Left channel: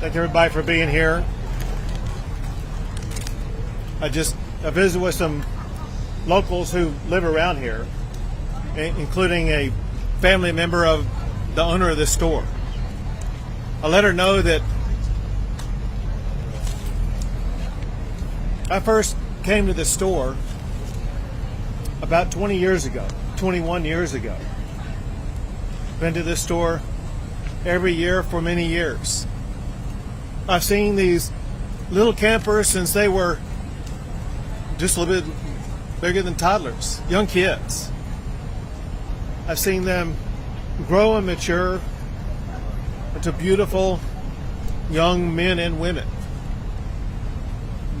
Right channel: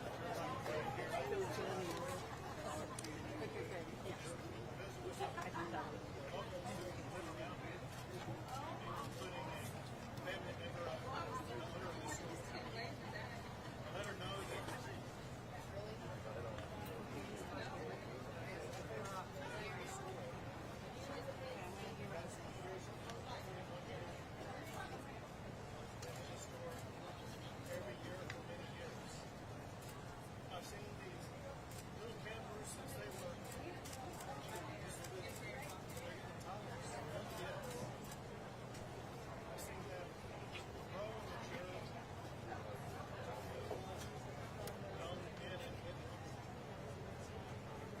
Thank everybody for being here. I visited with some locals who live around here, including a family member of the owner of this store. I let her know that I first came to this store about 21 years ago. Been to this store every year for many years. I've seen these little campers since they were just a little bit bigger than toddlers, young kids. I've seen them grow and mature into beautiful young men and women.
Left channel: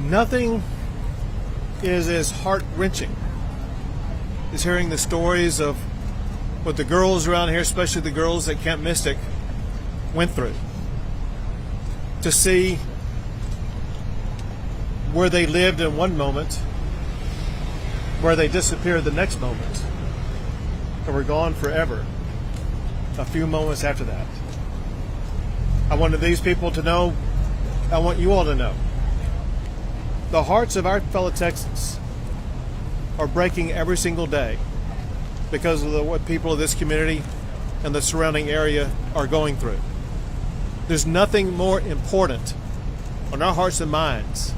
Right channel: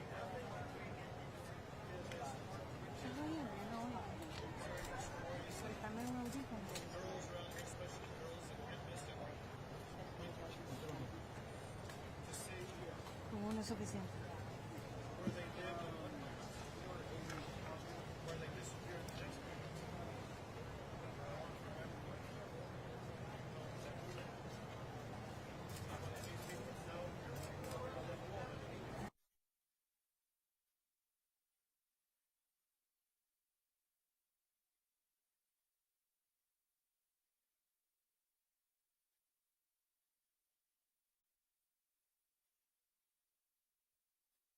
Nothing is as heart-wrenching as hearing the stories of what the girls around here, especially the girls at Camp Mystic, went through. To see where they lived in one moment, where they disappeared the next moment, and were gone forever a few moments after that. I wanted these people to know, I want you all to know, the hearts of our fellow Texans are breaking every single day because of what people of this community and the surrounding area are going through. There's nothing more important on our hearts and minds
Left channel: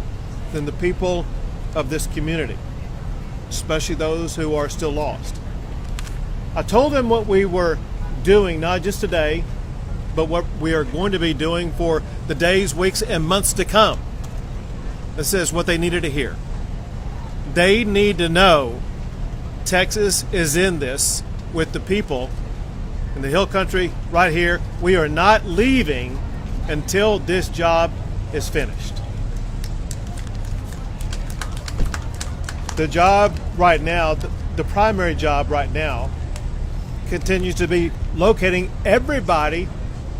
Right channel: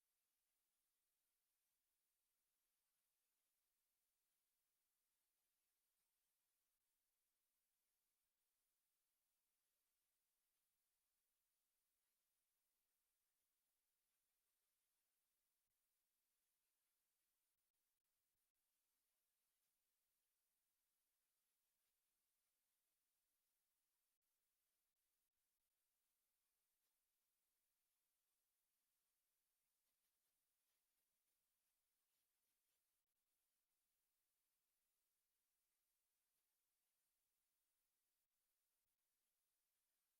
than the people of this community, especially those who are still lost. I told them what we were doing, not just today, but what we are going to be doing for the days, weeks, and months to come. This is what they needed to hear. They need to know Texas is in this with the people in the Hill Country right here. We are not leaving until this job is finished. The job right now, the primary job right now, continues to be locating everybody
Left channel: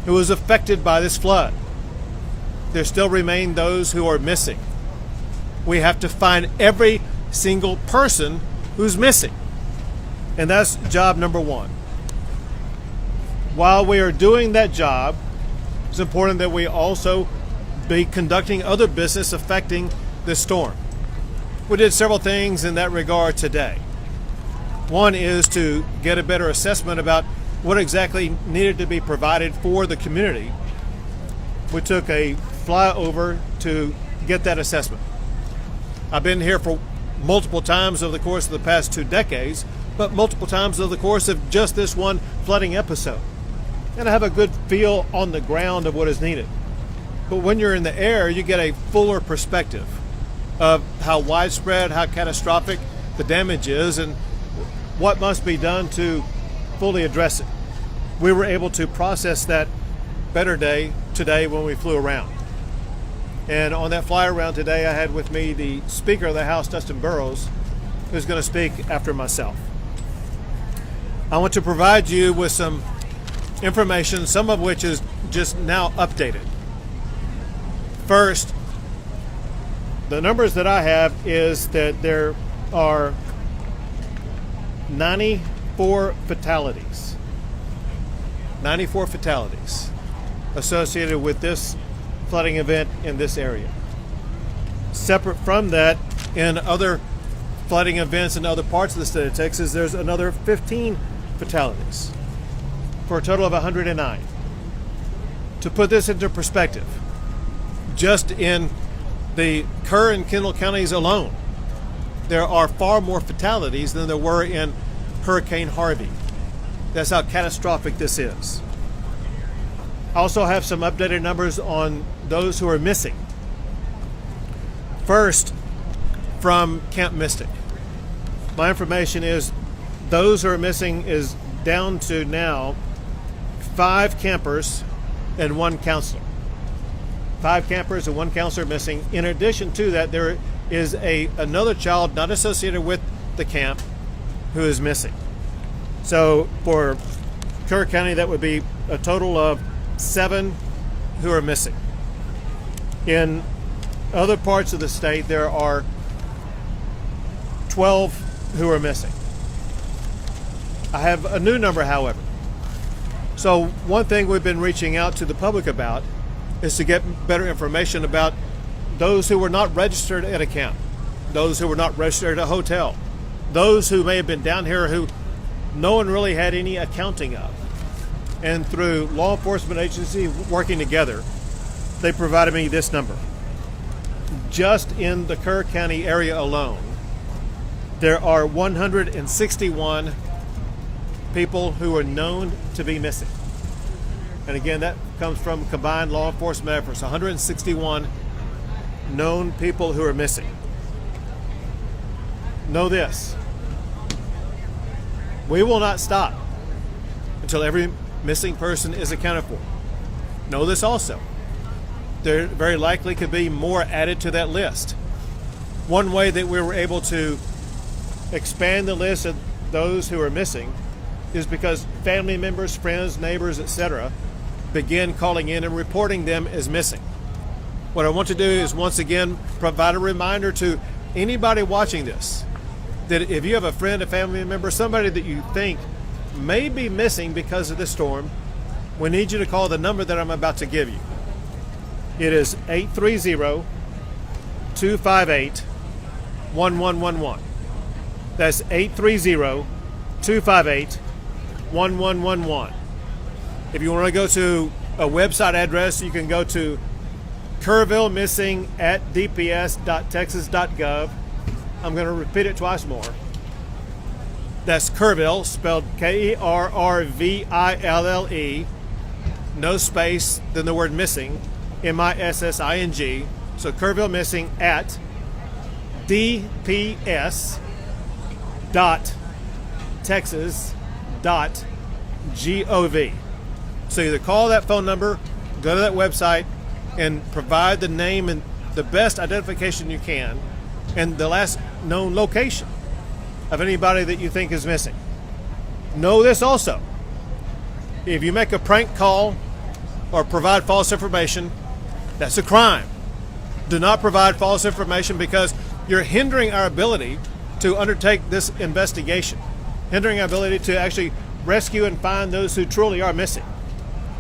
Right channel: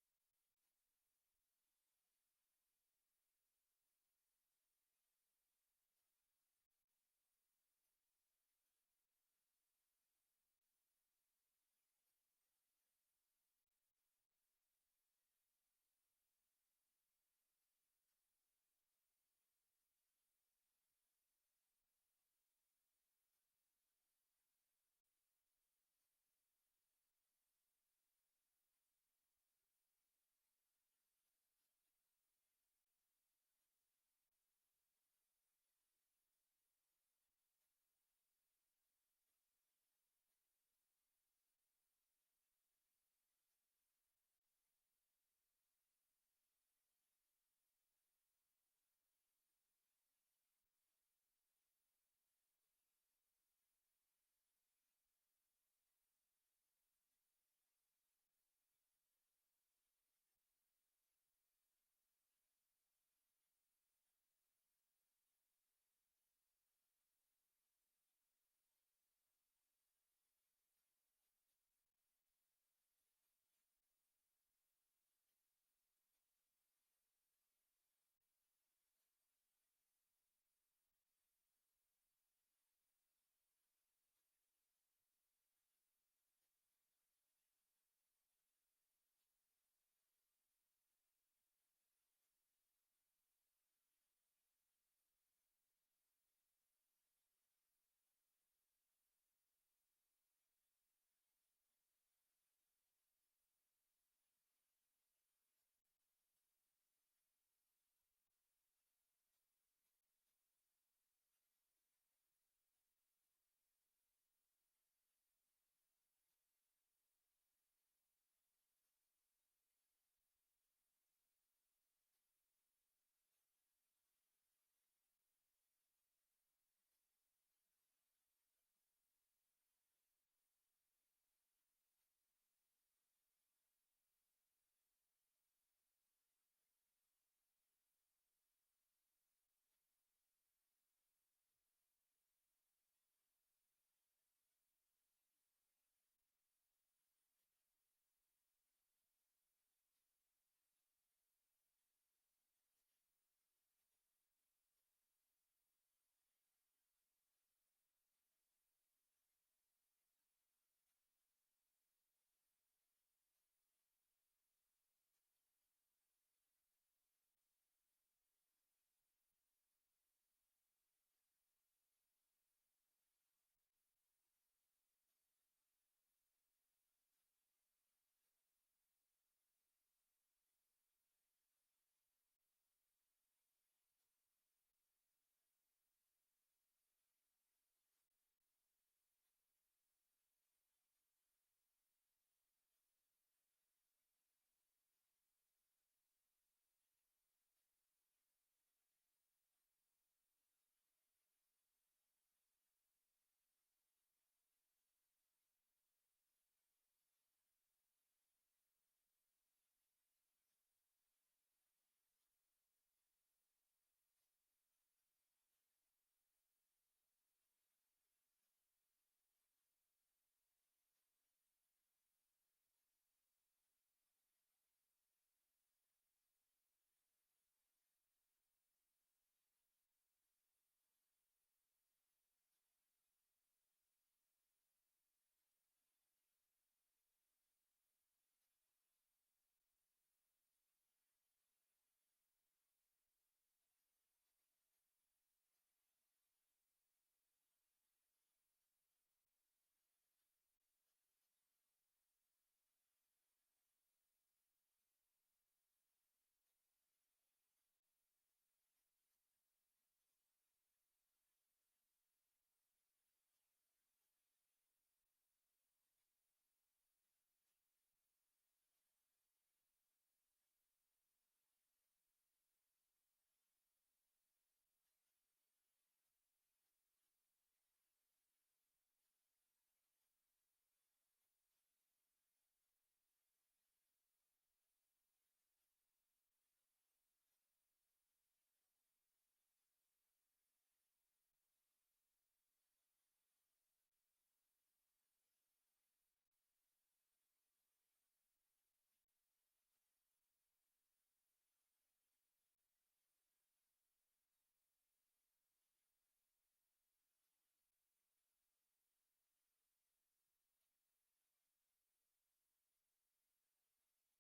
who was affected by this flood. There still remain those who are missing. We have to find every single person who's missing. And that's job number one. While we are doing that job, it's important that we also be conducting other business affecting this storm. We did several things in that regard today. One is to get a better assessment about what exactly needed to be provided for the community. We took a flyover to get that assessment. I've been here for multiple times over the course of the past 2 decades, but multiple times over the course of just this one flooding episode. And I have a good feel on the ground of what is needed. But when you're in the air, you get a fuller perspective of how widespread, how catastrophic the damage is, and what must be done to fully address it. We were able to process that better today when we flew around. And on that fly around today, I had with me the Speaker of the House, Dustin Burrows, who's going to speak after myself. I want to provide you with some information, some of which is just now updated. First, the numbers that I have is that there are 94 fatalities. 94 fatalities associated with this flooding event in this area. Separate from that, in other flooding events in other parts of the state of Texas, there's another 15 fatalities for a total of 109. To put this into perspective, just in the Kerr and Kendall counties alone, there are far more fatalities than there were in Hurricane Harvey. That's how catastrophic this is. I also have some updated numbers on those who are missing. First, from Camp Mystic. My information is those who are missing is down to now 5 campers and 1 counselor. 5 campers and 1 counselor missing. In addition to that, there is another child not associated with the camp who is missing. So for Kerr County, that would be a total of 7 who are missing. In other parts of the state, there are 12 who are missing. I have a new number, however. So one thing we've been reaching out to the public about is to get better information about those who were not registered at a camp, those who were not registered at a hotel, those who may have been down here who no one really had any accounting of. And through law enforcement agency working together, they provided me this number. Just in the Kerr County area alone, there are 161 people who are known to be missing. And again, that comes from combined law enforcement efforts, 161 known people who are missing. Know this, we will not stop until every missing person is accounted for. Know this also, there very likely could be more added to that list. One way that we were able to expand the list of those who are missing is because family members, friends, neighbors, etc. begin calling in and reporting them as missing. What I want to do is once again provide a reminder to anybody watching this that if you have a friend, a family member, somebody that you think may be missing because of this storm, we need you to call the number that I'm about to give you. It is 830-258-1111. That's 830-258-1111. If you want to go to a website address, you can go to Kerrville missing at dps.texas.gov. I'm going to repeat it twice more. That's Kerrville, spelled Kerrville, no space, then the word missing, MISSING. So Kerrville missing at dps.texas.gov. So either call that phone number, go to that website, and provide the name and the best identification you can and the last known location of anybody that you think is missing. Know this also, if you make a prank call or provide false information, that's a crime. Do not provide false information because you're hindering our ability to undertake this investigation, hindering our ability to actually rescue and find those who truly are missing.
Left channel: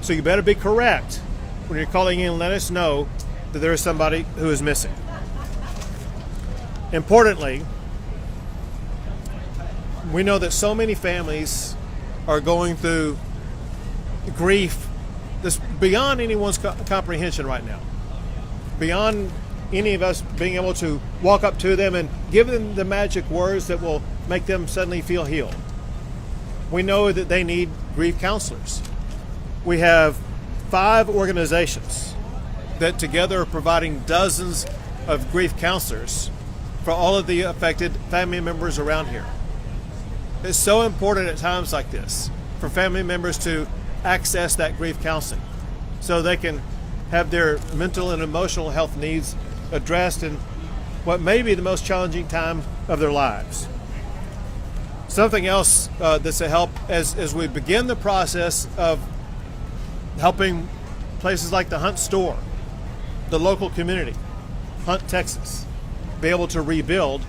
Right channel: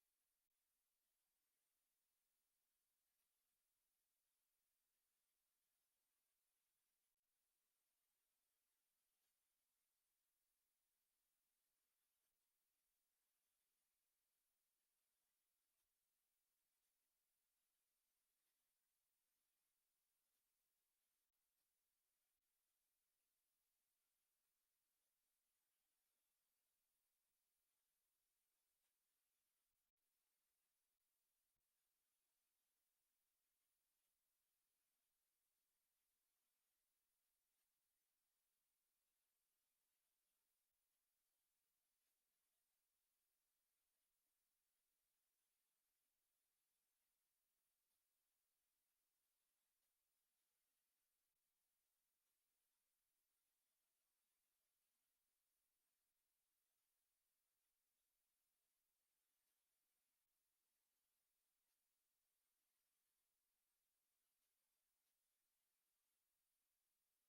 So you better be correct when you're calling in and let us know that there is somebody who is missing. Importantly, we know that so many families are going through grief that's beyond anyone's comprehension right now, beyond any of us being able to walk up to them and give them the magic words that will make them suddenly feel healed. We know that they need grief counselors. We have 5 organizations that together are providing dozens of grief counselors for all of the affected family members around here. It's so important at times like this for family members to access that grief counseling so they can have their mental and emotional health needs addressed in what may be the most challenging time of their lives. Something else that's a help as we begin the process of helping places like the Hunt store, the local community, Hunt, Texas, be able to rebuild.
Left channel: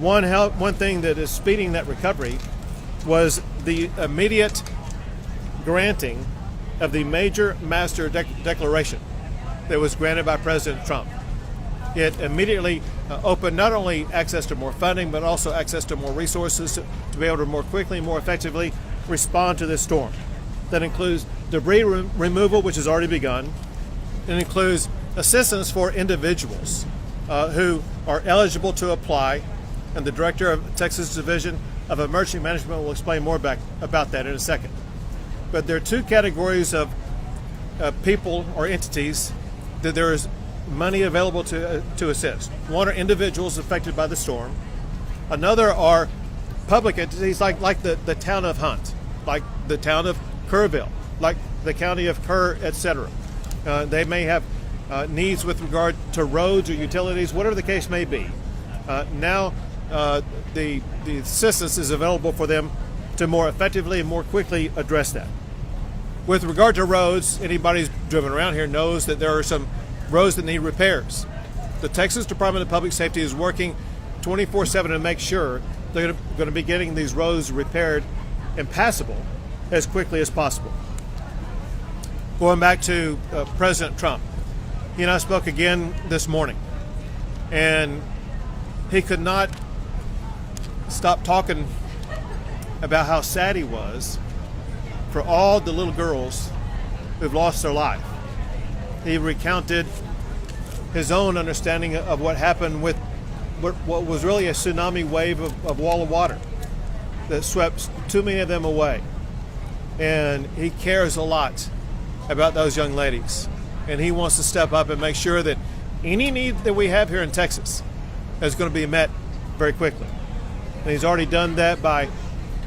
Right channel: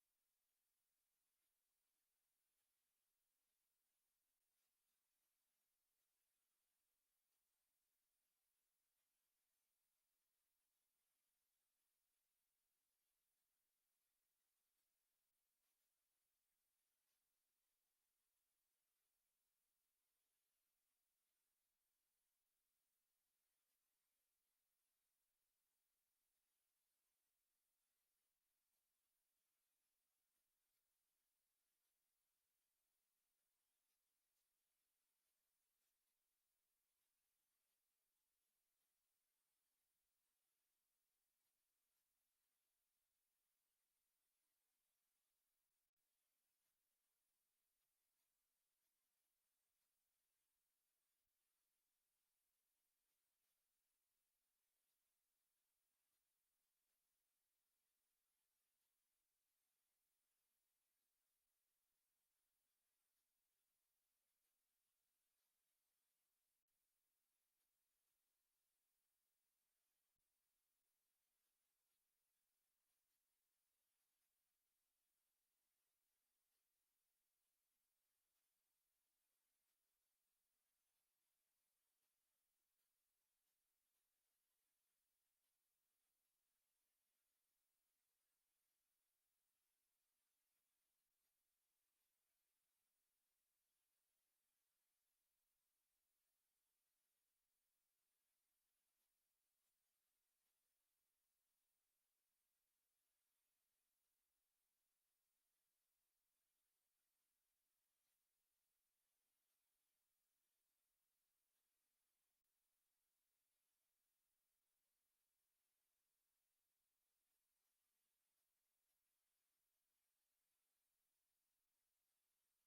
One thing that is speeding that recovery was the immediate granting of the major master declaration that was granted by President Trump. It immediately opened not only access to more funding, but also access to more resources to be able to more quickly and more effectively respond to this storm. That includes debris removal, which has already begun. It includes assistance for individuals who are eligible to apply, and the Director of Texas Division of Emergency Management will explain more about that in a second. But there are 2 categories of people or entities that there is money available to assist. One are individuals affected by the storm. Another are public entities like the town of Hunt, like the town of Kerrville, like the county of Kerr, etc. They may have needs with regard to roads or utilities, whatever the case may be. Now the assistance is available for them to more effectively and more quickly address that. With regard to roads, anybody who's driven around here knows that there are some roads that need repairs. The Texas Department of Public Safety is working 24/7 to make sure they're going to be getting these roads repaired and passable as quickly as possible. Going back to President Trump, he and I spoke again this morning, and he could not stop talking about how sad he was for all the little girls who've lost their life. He recounted his own understanding of what happened with what was really a tsunami wave of wall of water that swept too many of them away. And he cares a lot about those young ladies. And he wants to step up and make sure that any need that we have here in Texas is going to be met very quickly. And he's already done that by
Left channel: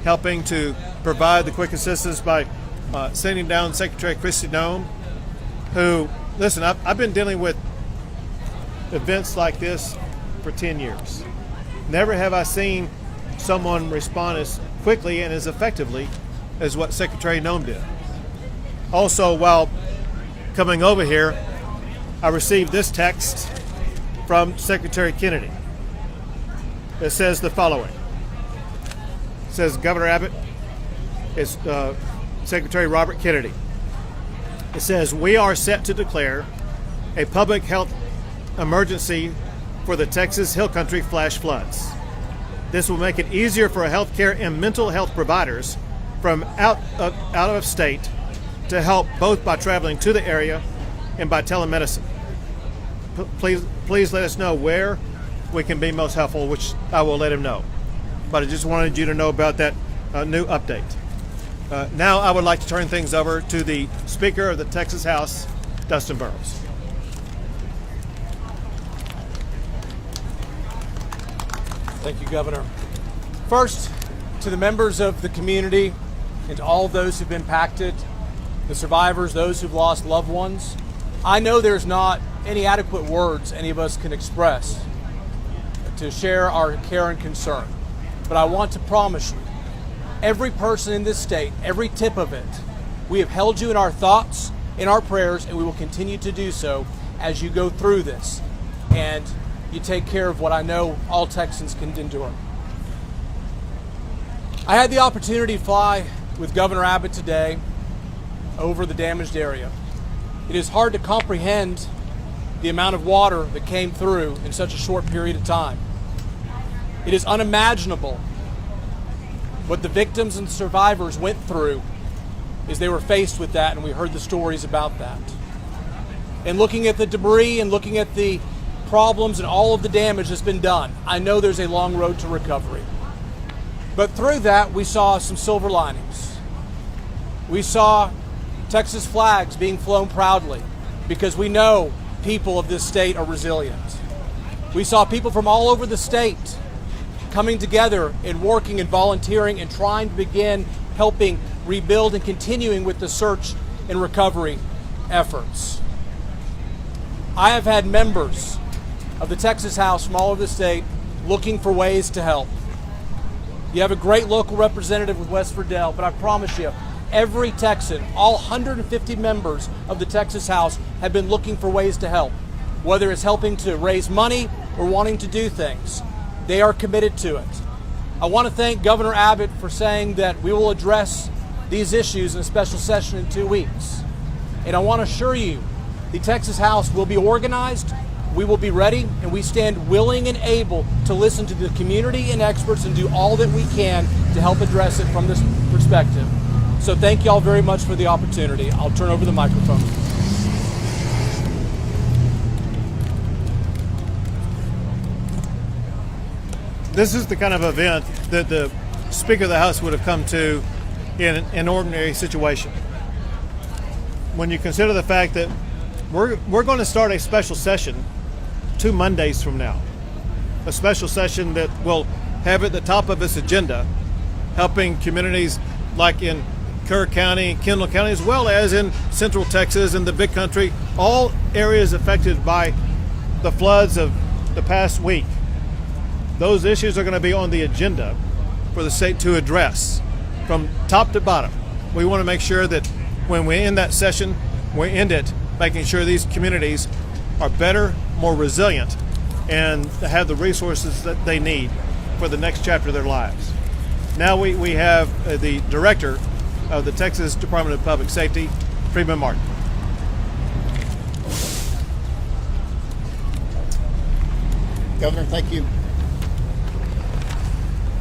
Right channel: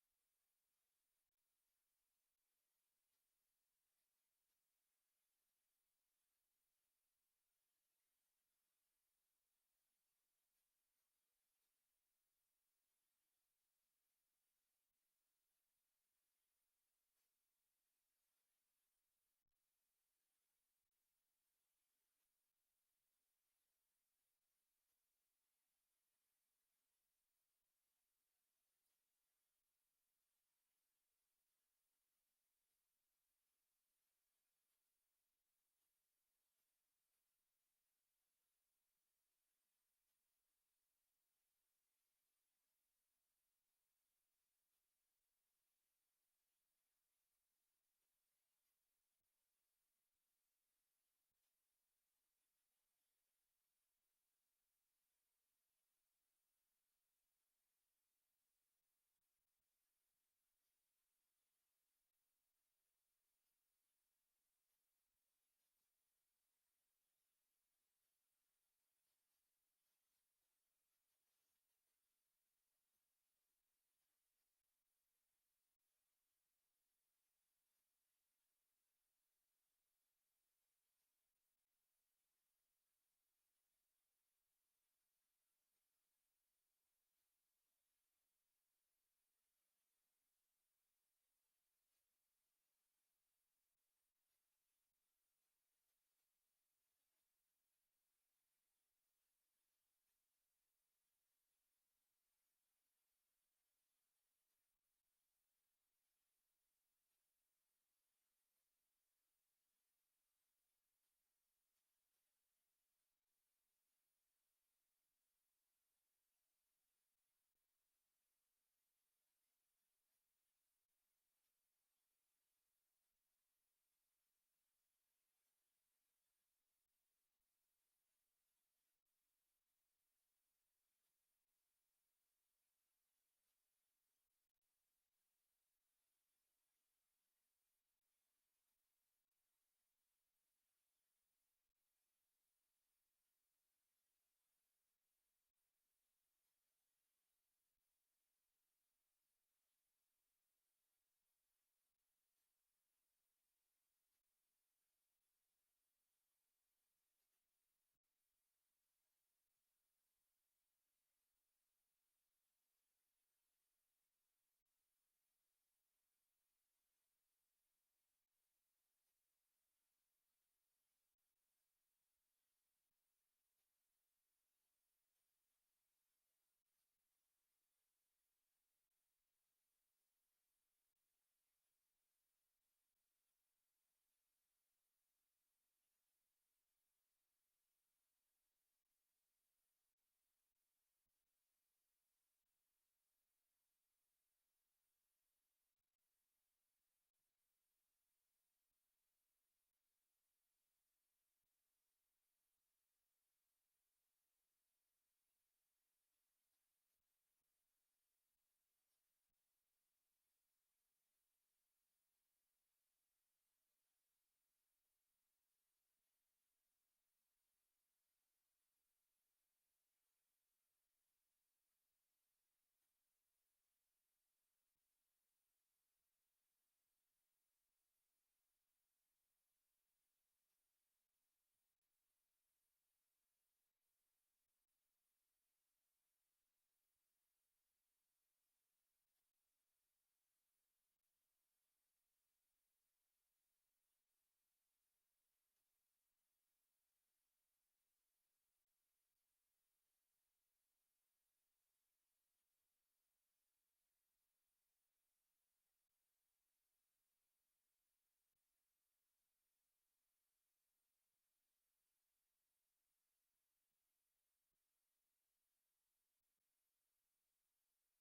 helping to provide the quick assistance by sending down Secretary Kristi Noem, who, listen, I've been dealing with events like this for 10 years. Never have I seen someone respond as quickly and as effectively as what Secretary Noem did. Also, while coming over here, I received this text from Secretary Kennedy. It says the following. It says, Governor Abbott, it's Secretary Robert Kennedy. It says, we are set to declare a public health emergency for the Texas Hill Country flash floods. This will make it easier for healthcare and mental health providers from out of state to help both by traveling to the area and by telemedicine. Please let us know where we can be most helpful, which I will let him know. But I just wanted you to know about that new update. Now I would like to turn things over to the Speaker of the Texas House, Dustin Burrows. Thank you, Governor. First, to the members of the community and to all those who've been impacted, the survivors, those who've lost loved ones, I know there's not any adequate words any of us can express to share our care and concern. But I want to promise you, every person in this state, every tip of it, we have held you in our thoughts, in our prayers, and we will continue to do so as you go through this. And you take care of what I know all Texans can endure. I had the opportunity to fly with Governor Abbott today over the damaged area. It is hard to comprehend the amount of water that came through in such a short period of time. It is unimaginable what the victims and survivors went through as they were faced with that, and we heard the stories about that. And looking at the debris and looking at the problems and all of the damage that's been done, I know there's a long road to recovery. But through that, we saw some silver linings. We saw Texas flags being flown proudly because we know people of this state are resilient. We saw people from all over the state coming together and working and volunteering and trying to begin helping rebuild and continuing with the search and recovery efforts. I have had members of the Texas House from all over the state looking for ways to help. You have a great local representative with West Verdell, but I promise you, every Texan, all 150 members of the Texas House have been looking for ways to help, whether it's helping to raise money or wanting to do things. They are committed to it. I want to thank Governor Abbott for saying that we will address these issues in a special session in 2 weeks. And I want to assure you, the Texas House will be organized, we will be ready, and we stand willing and able to listen to the community and experts and do all that we can to help address it from this perspective. So thank you all very much for the opportunity. I'll turn over the microphone. This is the kind of event that the Speaker of the House would have come to in an ordinary situation. When you consider the fact that we're going to start a special session 2 Mondays from now, a special session that will have at the top of its agenda helping communities like in Kerr County, Kendall County, as well as in Central Texas and the Big Country, all areas affected by the floods of the past week. Those issues are going to be on the agenda for the state to address from top to bottom. We want to make sure that when we end that session, we end it making sure these communities are better, more resilient, and have the resources that they need for the next chapter of their lives. Now we have the director of the Texas Department of Public Safety, Freeman Martin. Governor, thank you.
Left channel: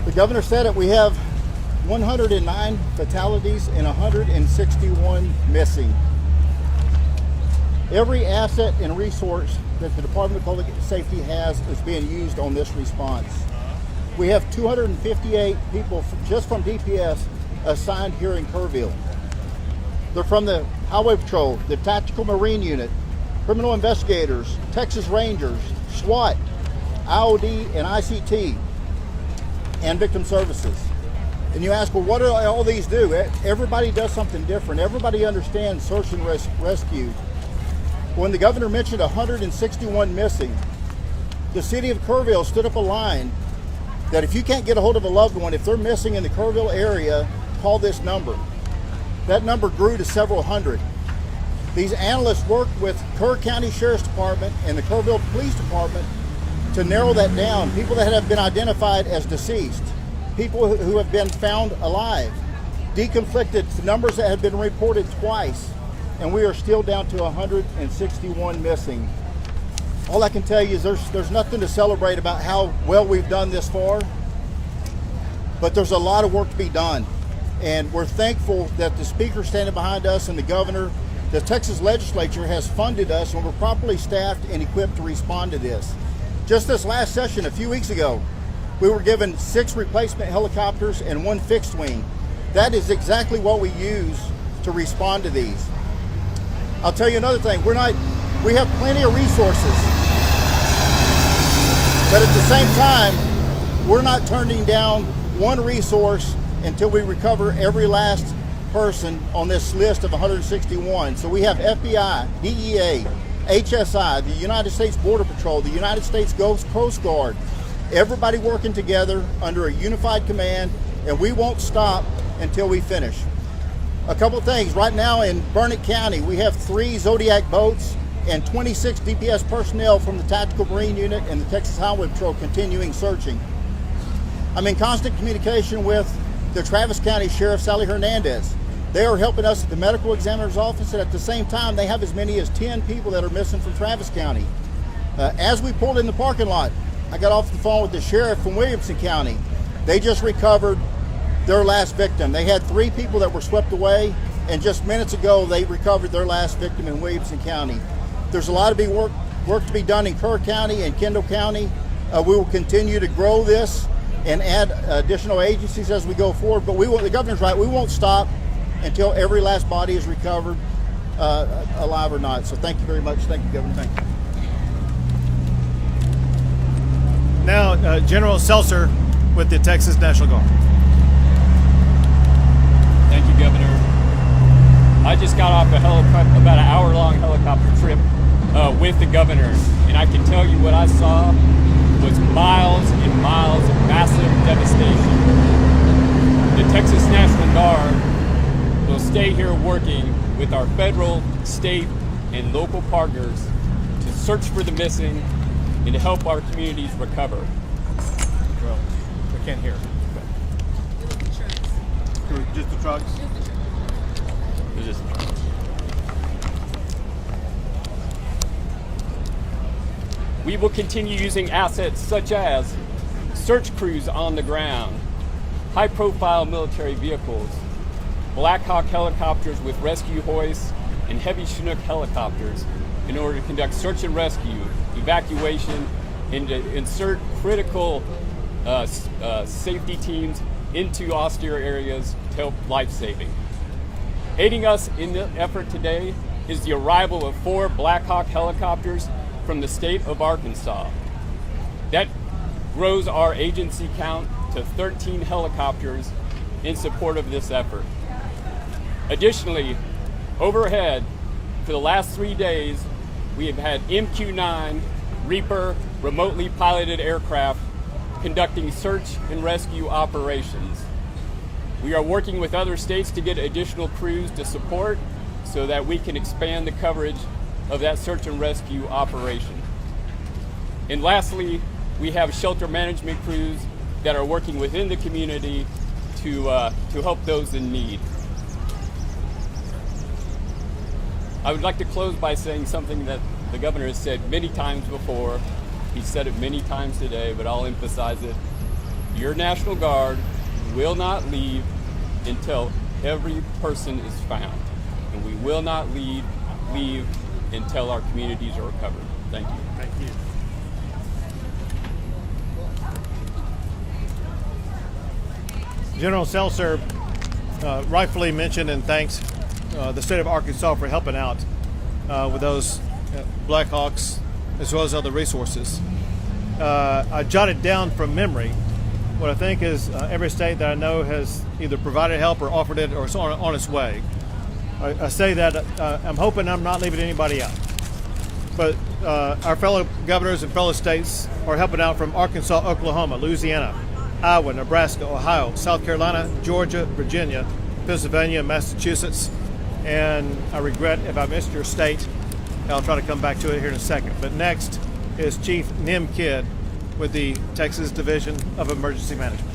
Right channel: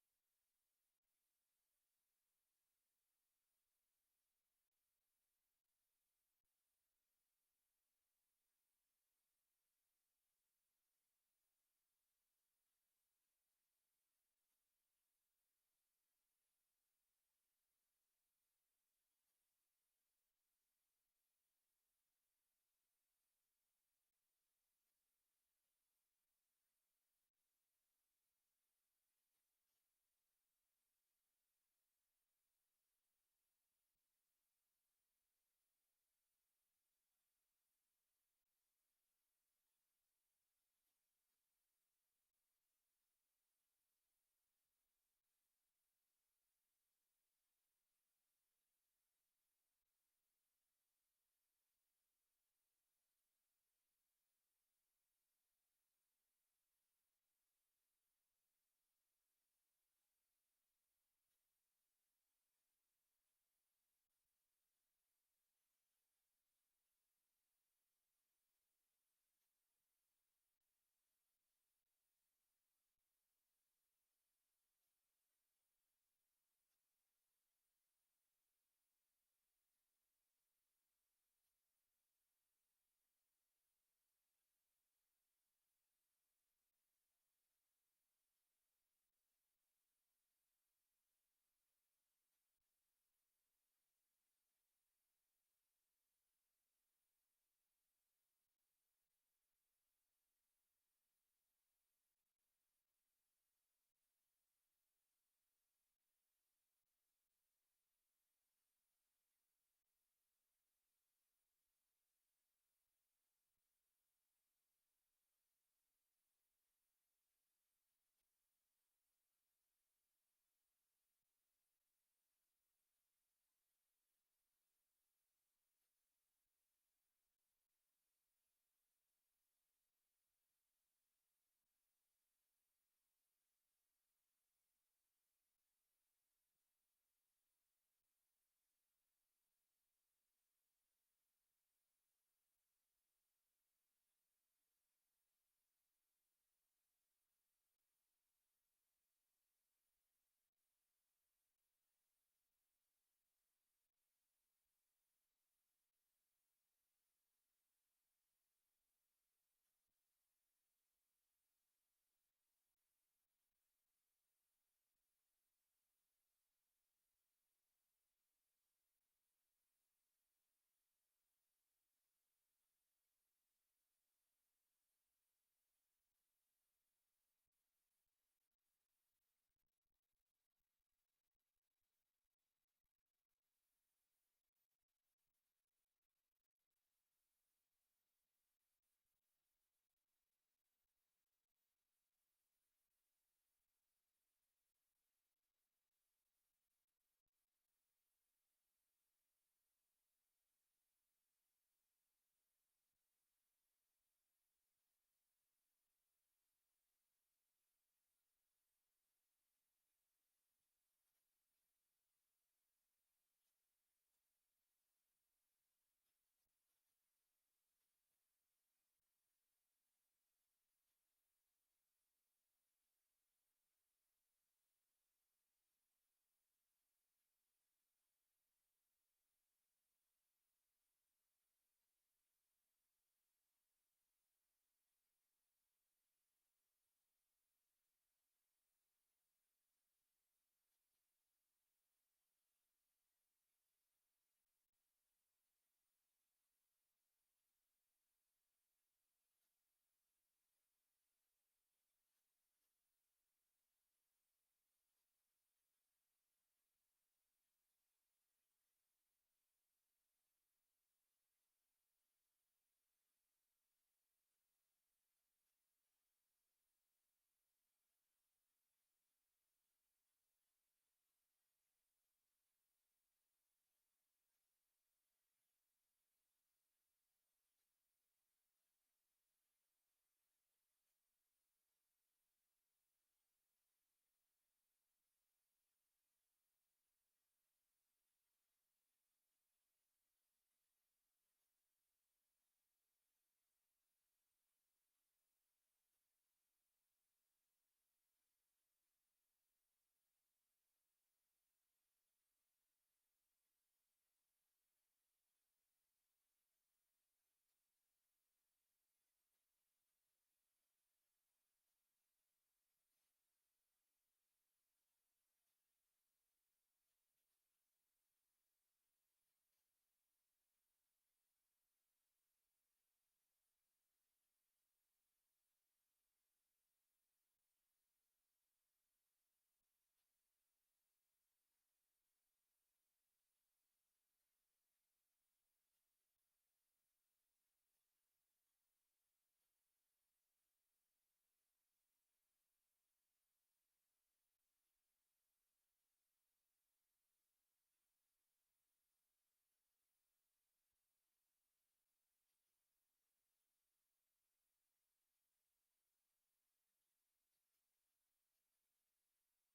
The governor said it. We have 109 fatalities and 161 missing. Every asset and resource that the Department of Public Safety has is being used on this response. We have 258 people just from DPS assigned here in Kerrville. They're from the Highway Patrol, the Tactical Marine Unit, Criminal Investigators, Texas Rangers, SWAT, IOD and ICT, and Victim Services. And you ask, well, what do all these do? Everybody does something different. Everybody understands search and rescue. When the governor mentioned 161 missing, the city of Kerrville stood up a line that if you can't get a hold of a loved one, if they're missing in the Kerrville area, call this number. That number grew to several hundred. These analysts worked with Kerr County Sheriff's Department and the Kerrville Police Department to narrow that down. People that have been identified as deceased, people who have been found alive, deconflicted numbers that have been reported twice, and we are still down to 161 missing. All I can tell you is there's nothing to celebrate about how well we've done this far, but there's a lot of work to be done. And we're thankful that the speaker standing behind us and the governor, the Texas legislature has funded us, and we're properly staffed and equipped to respond to this. Just this last session, a few weeks ago, we were given 6 replacement helicopters and 1 fixed wing. That is exactly what we use to respond to these. I'll tell you another thing, we have plenty of resources, but at the same time, we're not turning down one resource until we recover every last person on this list of 161. So we have FBI, DEA, HSI, the United States Border Patrol, the United States Coast Guard, everybody working together under a unified command, and we won't stop until we finish. A couple things, right now in Burnett County, we have 3 Zodiac boats and 26 DPS personnel from the Tactical Marine Unit and the Texas Highway Patrol continuing searching. I'm in constant communication with the Travis County Sheriff, Sally Hernandez. They are helping us at the medical examiner's office, and at the same time, they have as many as 10 people that are missing from Travis County. As we pulled in the parking lot, I got off the phone with the sheriff from Williamson County. They just recovered their last victim. They had 3 people that were swept away, and just minutes ago, they recovered their last victim in Williamson County. There's a lot of work to be done in Kerr County and Kendall County. We will continue to grow this and add additional agencies as we go forward, but the governor's right, we won't stop until every last body is recovered, alive or not. So thank you very much. Thank you, Governor. Thank you. Now, General Seltzer with the Texas National Guard. Thank you, Governor. I just got off about an hour-long helicopter trip with the governor, and I can tell you what I saw was miles and miles of massive devastation. The Texas National Guard will stay here working with our federal, state, and local partners to search for the missing and to help our communities recover. Well, we can't hear. Just the trucks? We will continue using assets such as search crews on the ground, high-profile military vehicles, Black Hawk helicopters with rescue hoists, and heavy Chinook helicopters in order to conduct search and rescue, evacuation, and to insert critical safety teams into austere areas to help life-saving. Aiding us in the effort today is the arrival of 4 Black Hawk helicopters from the state of Arkansas. That grows our agency count to 13 helicopters in support of this effort. Additionally, overhead, for the last 3 days, we have had MQ-9 Reaper remotely piloted aircraft conducting search and rescue operations. We are working with other states to get additional crews to support so that we can expand the coverage of that search and rescue operation. And lastly, we have shelter management crews that are working within the community to help those in need. I would like to close by saying something that the governor has said many times before, He said it many times today, but I'll emphasize it. Your National Guard will not leave until every person is found. And we will not leave until our communities are recovered. Thank you. Thank you. General Seltzer rightfully mentioned and thanks the state of Arkansas for helping out with those Blackhawks as well as other resources. I jotted down from memory what I think is every state that I know has either provided help or offered it or is on its way. I say that I'm hoping I'm not leaving anybody out. But our fellow governors and fellow states are helping out from Arkansas, Oklahoma, Louisiana, Iowa, Nebraska, Ohio, South Carolina, Georgia, Virginia, Pennsylvania, Massachusetts, and I regret if I missed your state. I'll try to come back to it here in a second. But next is Chief Nim Kidd with the Texas Division of Emergency Management.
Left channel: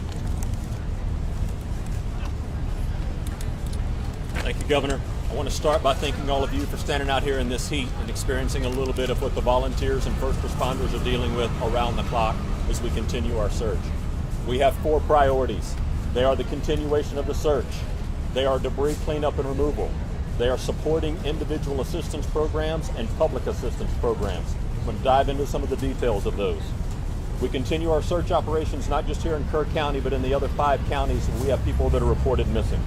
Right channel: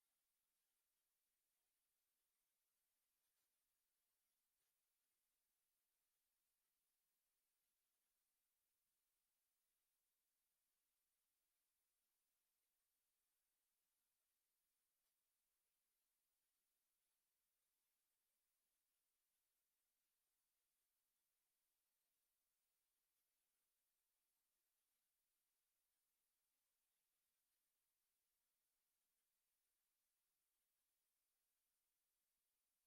Thank you, Governor. I want to start by thanking all of you for standing out here in this heat and experiencing a little bit of what the volunteers and first responders are dealing with around the clock as we continue our search. We have 4 priorities. They are the continuation of the search. They are debris cleanup and removal. They are supporting individual assistance programs and public assistance programs. I'm going to dive into some of the details of those. We continue our search operations not just here in Kerr County, but in the other 5 counties where we have people that are reported missing.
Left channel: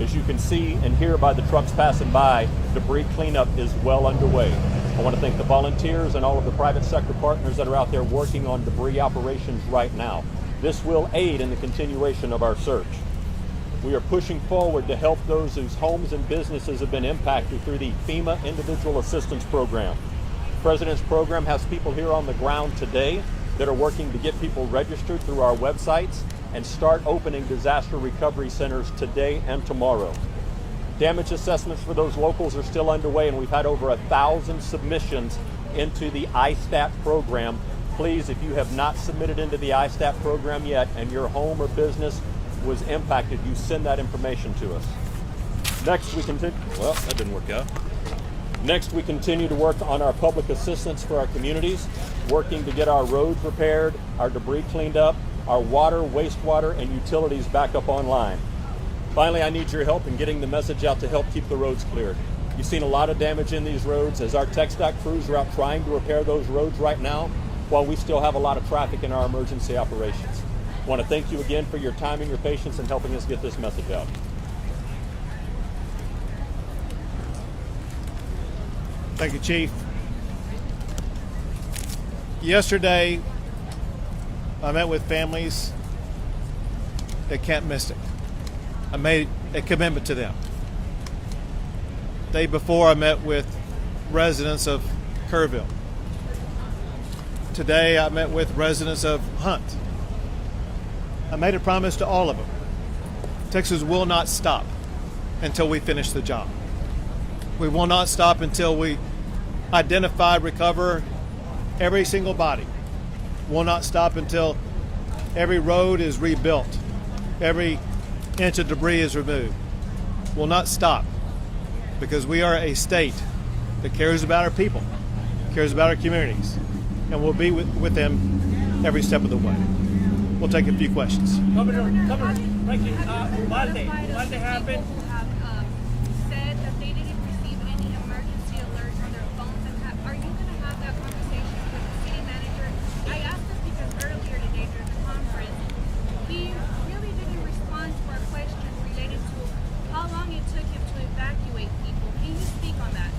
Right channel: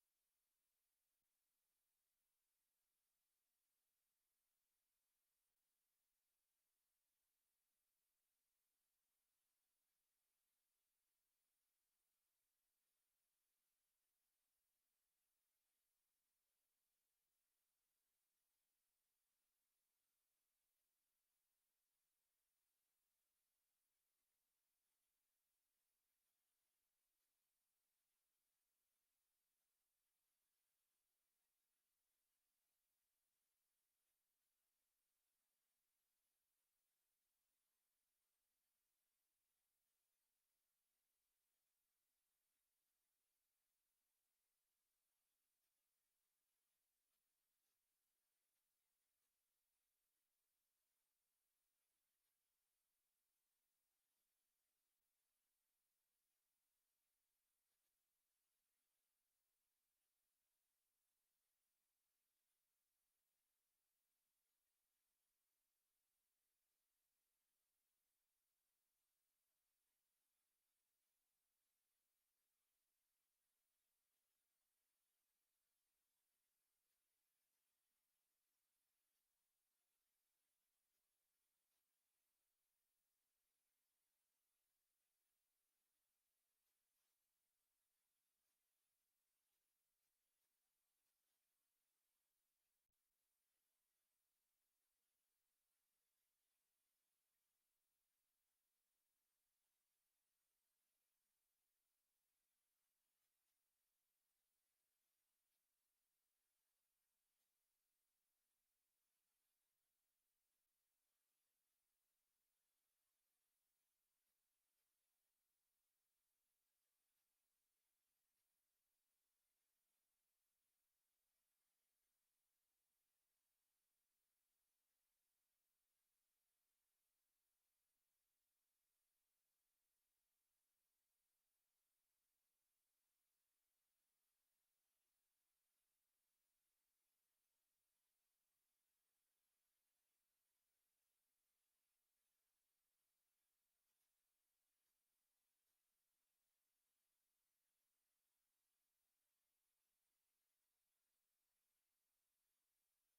As you can see and hear by the trucks passing by, debris cleanup is well underway. I want to thank the volunteers and all of the private sector partners that are out there working on debris operations right now. This will aid in the continuation of our search. We are pushing forward to help those whose homes and businesses have been impacted through the FEMA Individual Assistance Program. The President's program has people here on the ground today that are working to get people registered through our websites and start opening disaster recovery centers today and tomorrow. Damage assessments for those locals are still underway, and we've had over 1,000 submissions into the ISTAT program. Please, if you have not submitted into the ISTAT program yet and your home or business was impacted, you send that information to us. Next, we continue. Well, that didn't work out. Next, we continue to work on our public assistance for our communities, working to get our roads repaired, our debris cleaned up, our water, wastewater, and utilities back up online. Finally, I need your help in getting the message out to help keep the roads cleared. You've seen a lot of damage in these roads as our TxDOT crews are out trying to repair those roads right now, while we still have a lot of traffic in our emergency operations. I want to thank you again for your time and your patience in helping us get this message out. Thank you, Chief. Yesterday, I met with families that can't miss it. I made a commitment to them. The day before, I met with residents of Kerrville. Today, I met with residents of Hunt. I made a promise to all of them. Texas will not stop until we finish the job. We will not stop until we identify, recover every single body. We'll not stop until every road is rebuilt, every inch of debris is removed. We'll not stop because we are a state that cares about our people, cares about our communities, and we'll be with them every step of the way. We'll take a few questions. Governor, thank you. Uvalde happened. Said that they didn't receive any emergency alerts on their phones. Are you going to have that conversation with the city manager? I asked this because earlier today during the conference, he really didn't respond to our question related to how long it took him to evacuate people. Can you speak on that?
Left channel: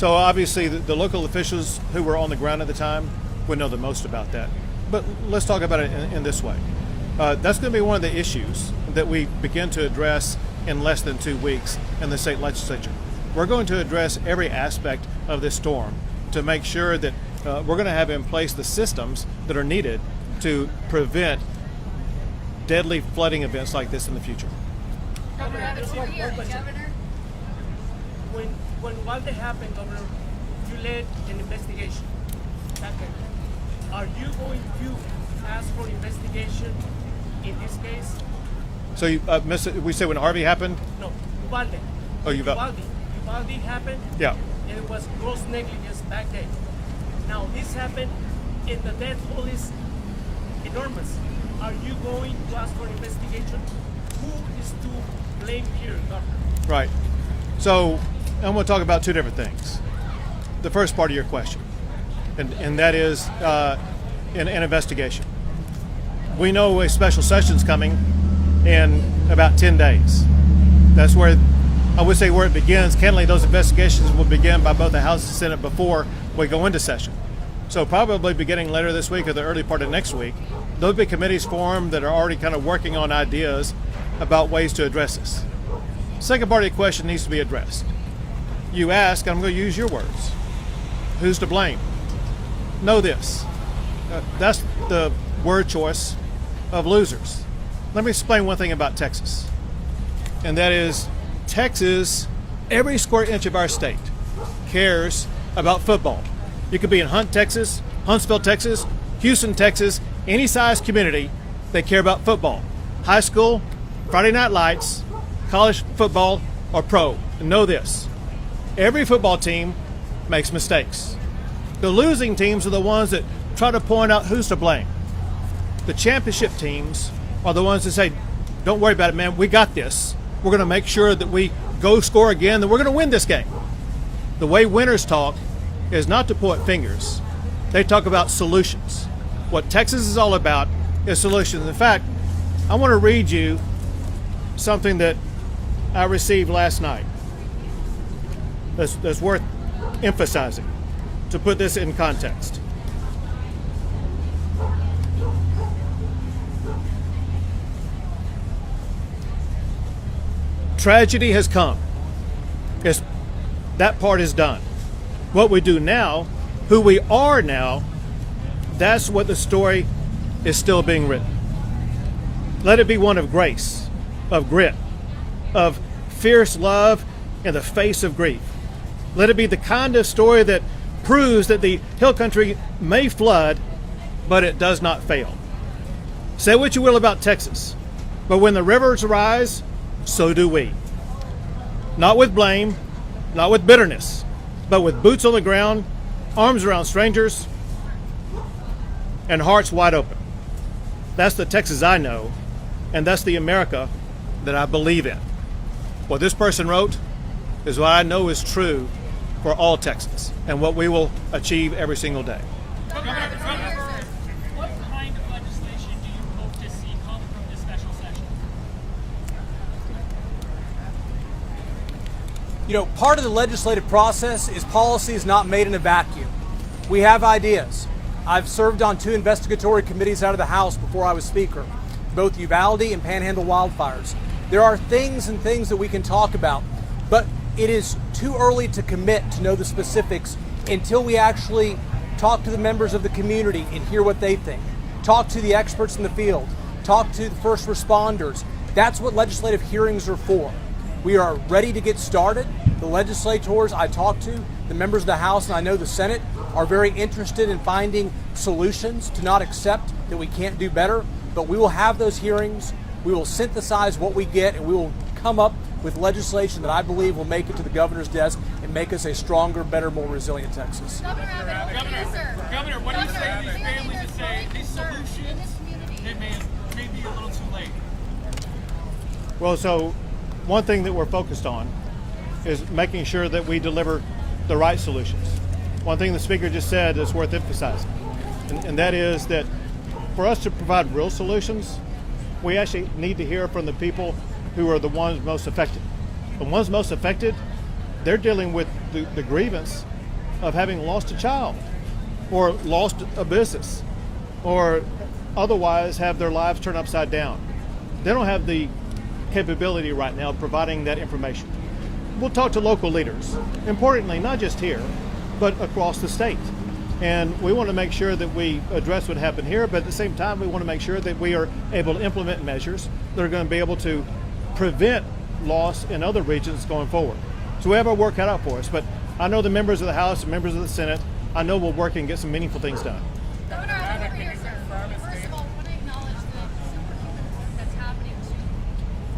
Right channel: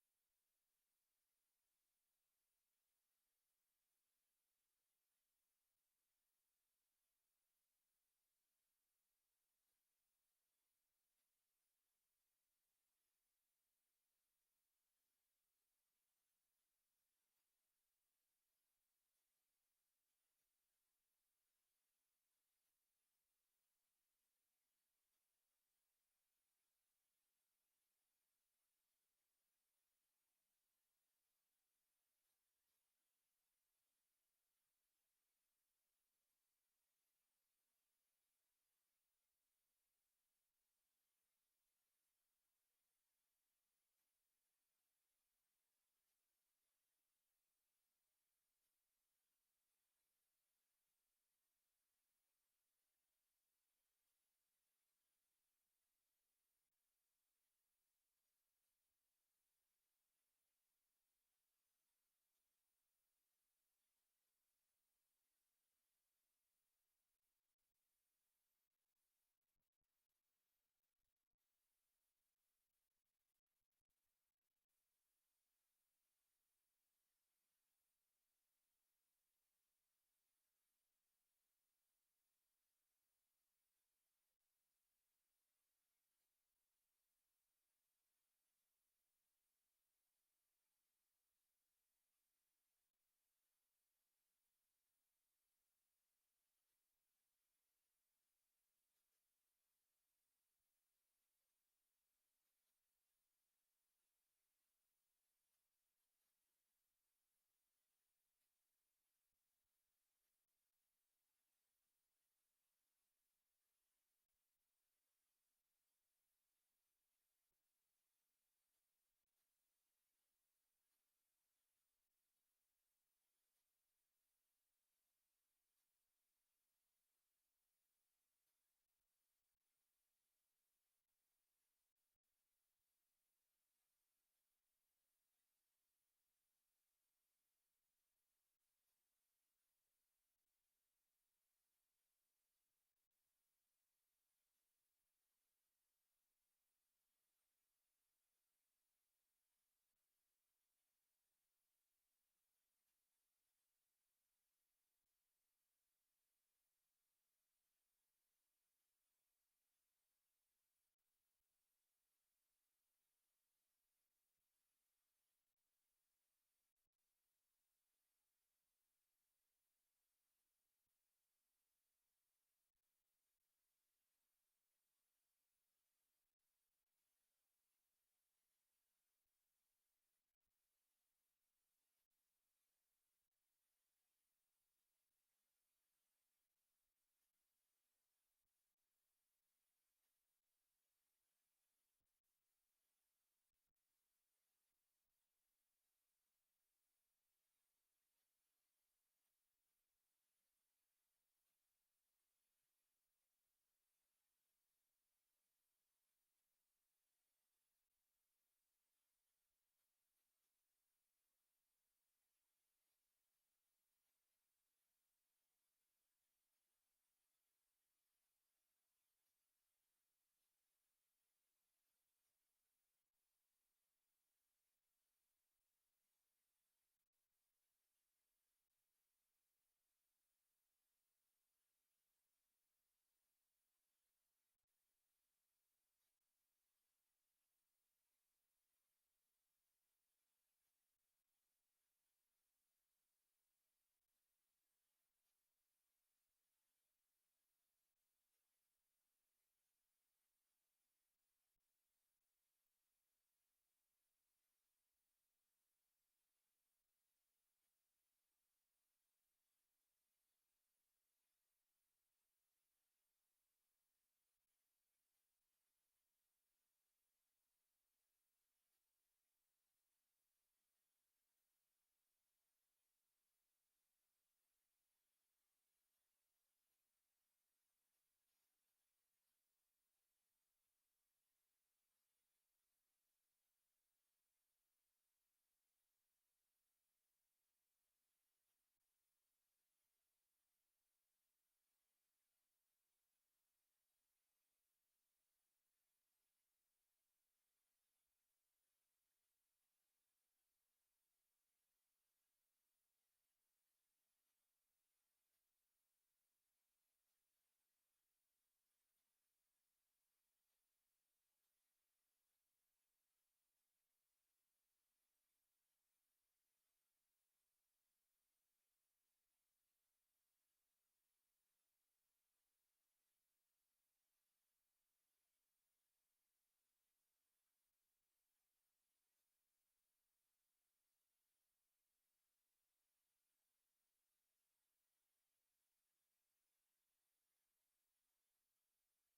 So obviously the local officials who were on the ground at the time would know the most about that. But let's talk about it in this way. That's going to be one of the issues that we begin to address in less than 2 weeks in the state legislature. We're going to address every aspect of this storm to make sure that we're going to have in place the systems that are needed to prevent deadly flooding events like this in the future. Governor Abbott, Governor. When Uvalde happened, Governor, you led an investigation. Are you going to ask for investigation in this case? So we said when Harvey happened? No, Uvalde. Oh, Uvalde happened. Yeah. And it was gross negligence back then. Now this happened and the death toll is enormous. Are you going to ask for investigation? Who is to blame here, Governor? Right. So I'm going to talk about two different things. The first part of your question, and that is an investigation. We know a special session's coming in about 10 days. That's where, I would say where it begins. Candidly, those investigations will begin by both the House and Senate before we go into session. So probably beginning later this week or the early part of next week, there'll be committees formed that are already kind of working on ideas about ways to address this. Second part of your question needs to be addressed. You ask, I'm going to use your words, who's to blame? Know this. That's the word choice of losers. Let me explain one thing about Texas, and that is Texas, every square inch of our state cares about football. You could be in Hunt, Texas, Huntsville, Texas, Houston, Texas, any size community, they care about football. High school, Friday night lights, college football, or pro. And know this, every football team makes mistakes. The losing teams are the ones that try to point out who's to blame. The championship teams are the ones that say, don't worry about it, man, we got this. We're going to make sure that we go score again, that we're going to win this game. The way winners talk is not to point fingers. They talk about solutions. What Texas is all about is solutions. In fact, I want to read you something that I received last night that's worth emphasizing to put this in context. Tragedy has come. That part is done. What we do now, who we are now, that's what the story is still being written. Let it be one of grace, of grit, of fierce love in the face of grief. Let it be the kind of story that proves that the hill country may flood, but it does not fail. Say what you will about Texas, but when the rivers rise, so do we. Not with blame, not with bitterness, but with boots on the ground, arms around strangers, and hearts wide open. That's the Texas I know, and that's the America that I believe in. What this person wrote is what I know is true for all Texans, and what we will achieve every single day. What kind of legislation do you hope to see come from this special session? You know, part of the legislative process is policy is not made in a vacuum. We have ideas. I've served on 2 investigatory committees out of the House before I was Speaker, both Uvalde and Panhandle wildfires. There are things that we can talk about, but it is too early to commit to know the specifics until we actually talk to the members of the community and hear what they think. Talk to the experts in the field. Talk to the first responders. That's what legislative hearings are for. We are ready to get started. The legislators I talk to, the members of the House, and I know the Senate, are very interested in finding solutions to not accept that we can't do better, but we will have those hearings. We will synthesize what we get, and we will come up with legislation that I believe will make it to the governor's desk and make us a stronger, better, more resilient Texas. Governor, what do you say to these families that say these solutions may be a little too late? Well, so one thing that we're focused on is making sure that we deliver the right solutions. One thing the speaker just said is worth emphasizing, and that is that for us to provide real solutions, we actually need to hear from the people who are the ones most affected. The ones most affected, they're dealing with the grievance of having lost a child or lost a business or otherwise have their lives turned upside down. They don't have the capability right now of providing that information. We'll talk to local leaders, importantly, not just here, but across the state. And we want to make sure that we address what happened here, but at the same time, we want to make sure that we are able to implement measures that are going to be able to prevent loss in other regions going forward. So we have our work cut out for us, but I know the members of the House and members of the Senate, I know we'll work and get some meaningful things done. Governor, I want to hear, sir. First of all, I want to acknowledge the superhuman work that's happening to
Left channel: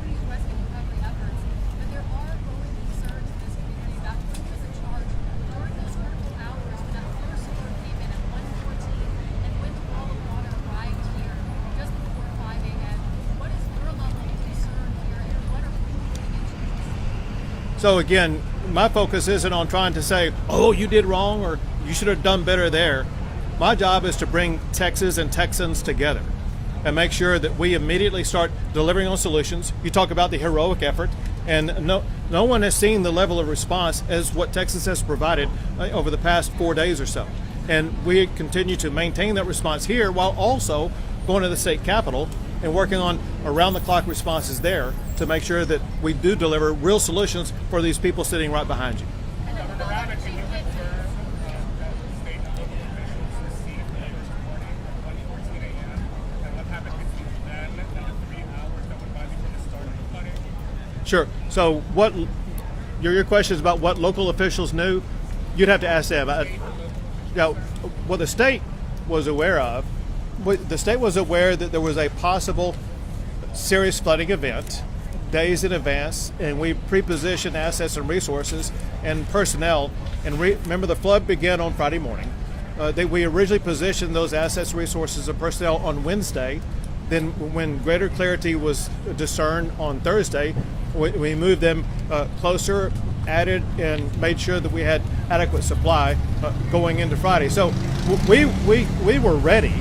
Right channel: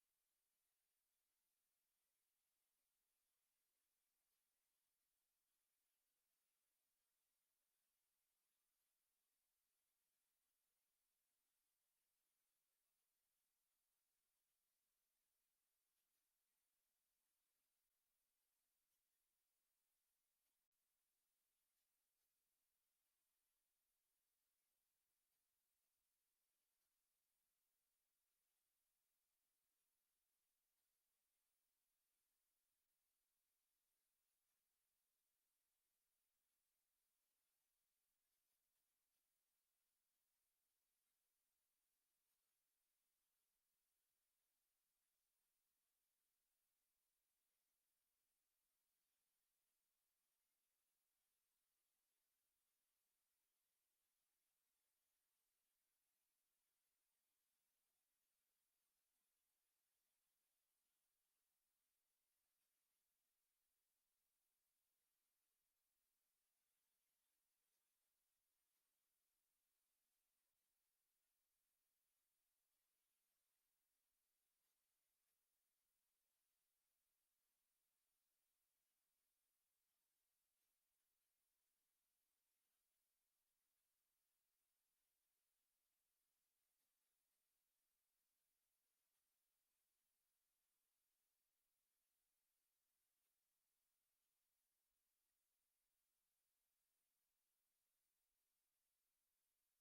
increase rescue and recovery efforts, but there are growing concerns in this community about who was in charge during those critical hours when that first alert came in at 1:14 So again, my focus isn't on trying to say, oh, you did wrong or you should have done better there. My job is to bring Texas and Texans together and make sure that we immediately start delivering on solutions. You talk about the heroic effort, and no one has seen the level of response as what Texas has provided over the past 4 days or so. And we continue to maintain that response here while also going to the state capitol and working on around-the-clock responses there to make sure that we do deliver real solutions for these people sitting right behind you. Governor Abbott, can you confirm that state and local officials received letters warning at 1:14 a.m. and what happened between then and the 3 hours that went by before the start of the flooding? Sure. So what your question is about what local officials knew? You'd have to ask them. What the state was aware of, the state was aware that there was a possible serious flooding event days in advance, and we pre-positioned assets and resources and personnel. And remember, the flood began on Friday morning. We originally positioned those assets, resources, and personnel on Wednesday. Then when greater clarity was discerned on Thursday, we moved them closer, added, and made sure that we had adequate supply going into Friday. So we were ready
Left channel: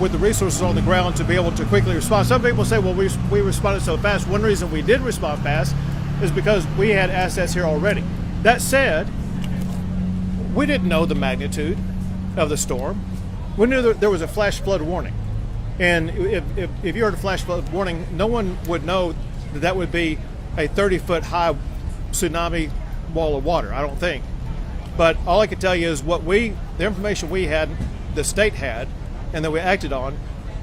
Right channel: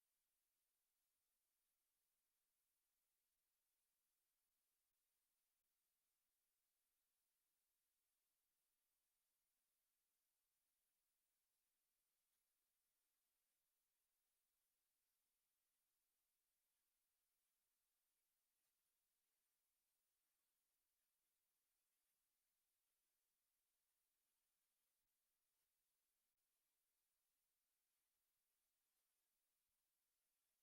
with the resources on the ground to be able to quickly respond. Some people say, well, we responded so fast. One reason we did respond fast is because we had assets here already. That said, we didn't know the magnitude of the storm. We knew that there was a flash flood warning. And if you heard a flash flood warning, no one would know that would be a 30-foot high tsunami wall of water, I don't think. But all I can tell you is the information we had, the state had, and that we acted on,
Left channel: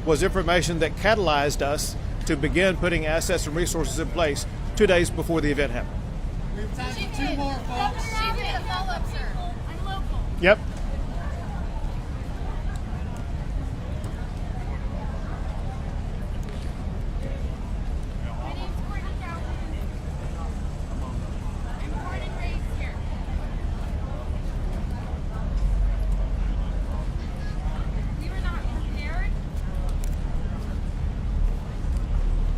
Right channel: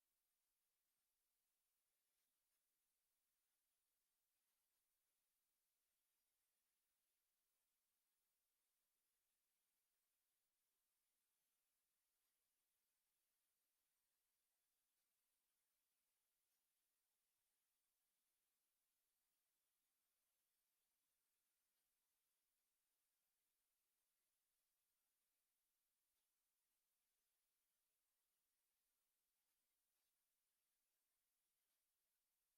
was information that catalyzed us to begin putting assets and resources in place 2 days before the event happened. We have time for 2 more, folks. I'm local. Yep. My name's Courtney Calhoun. I'm born and raised here. We were not prepared.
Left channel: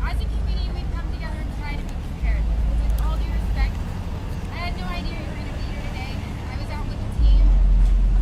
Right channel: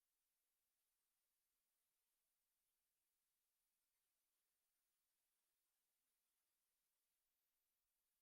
As a community, we've come together and tried to be prepared. With all due respect, I had no idea you were going to be here today. I was out with a team of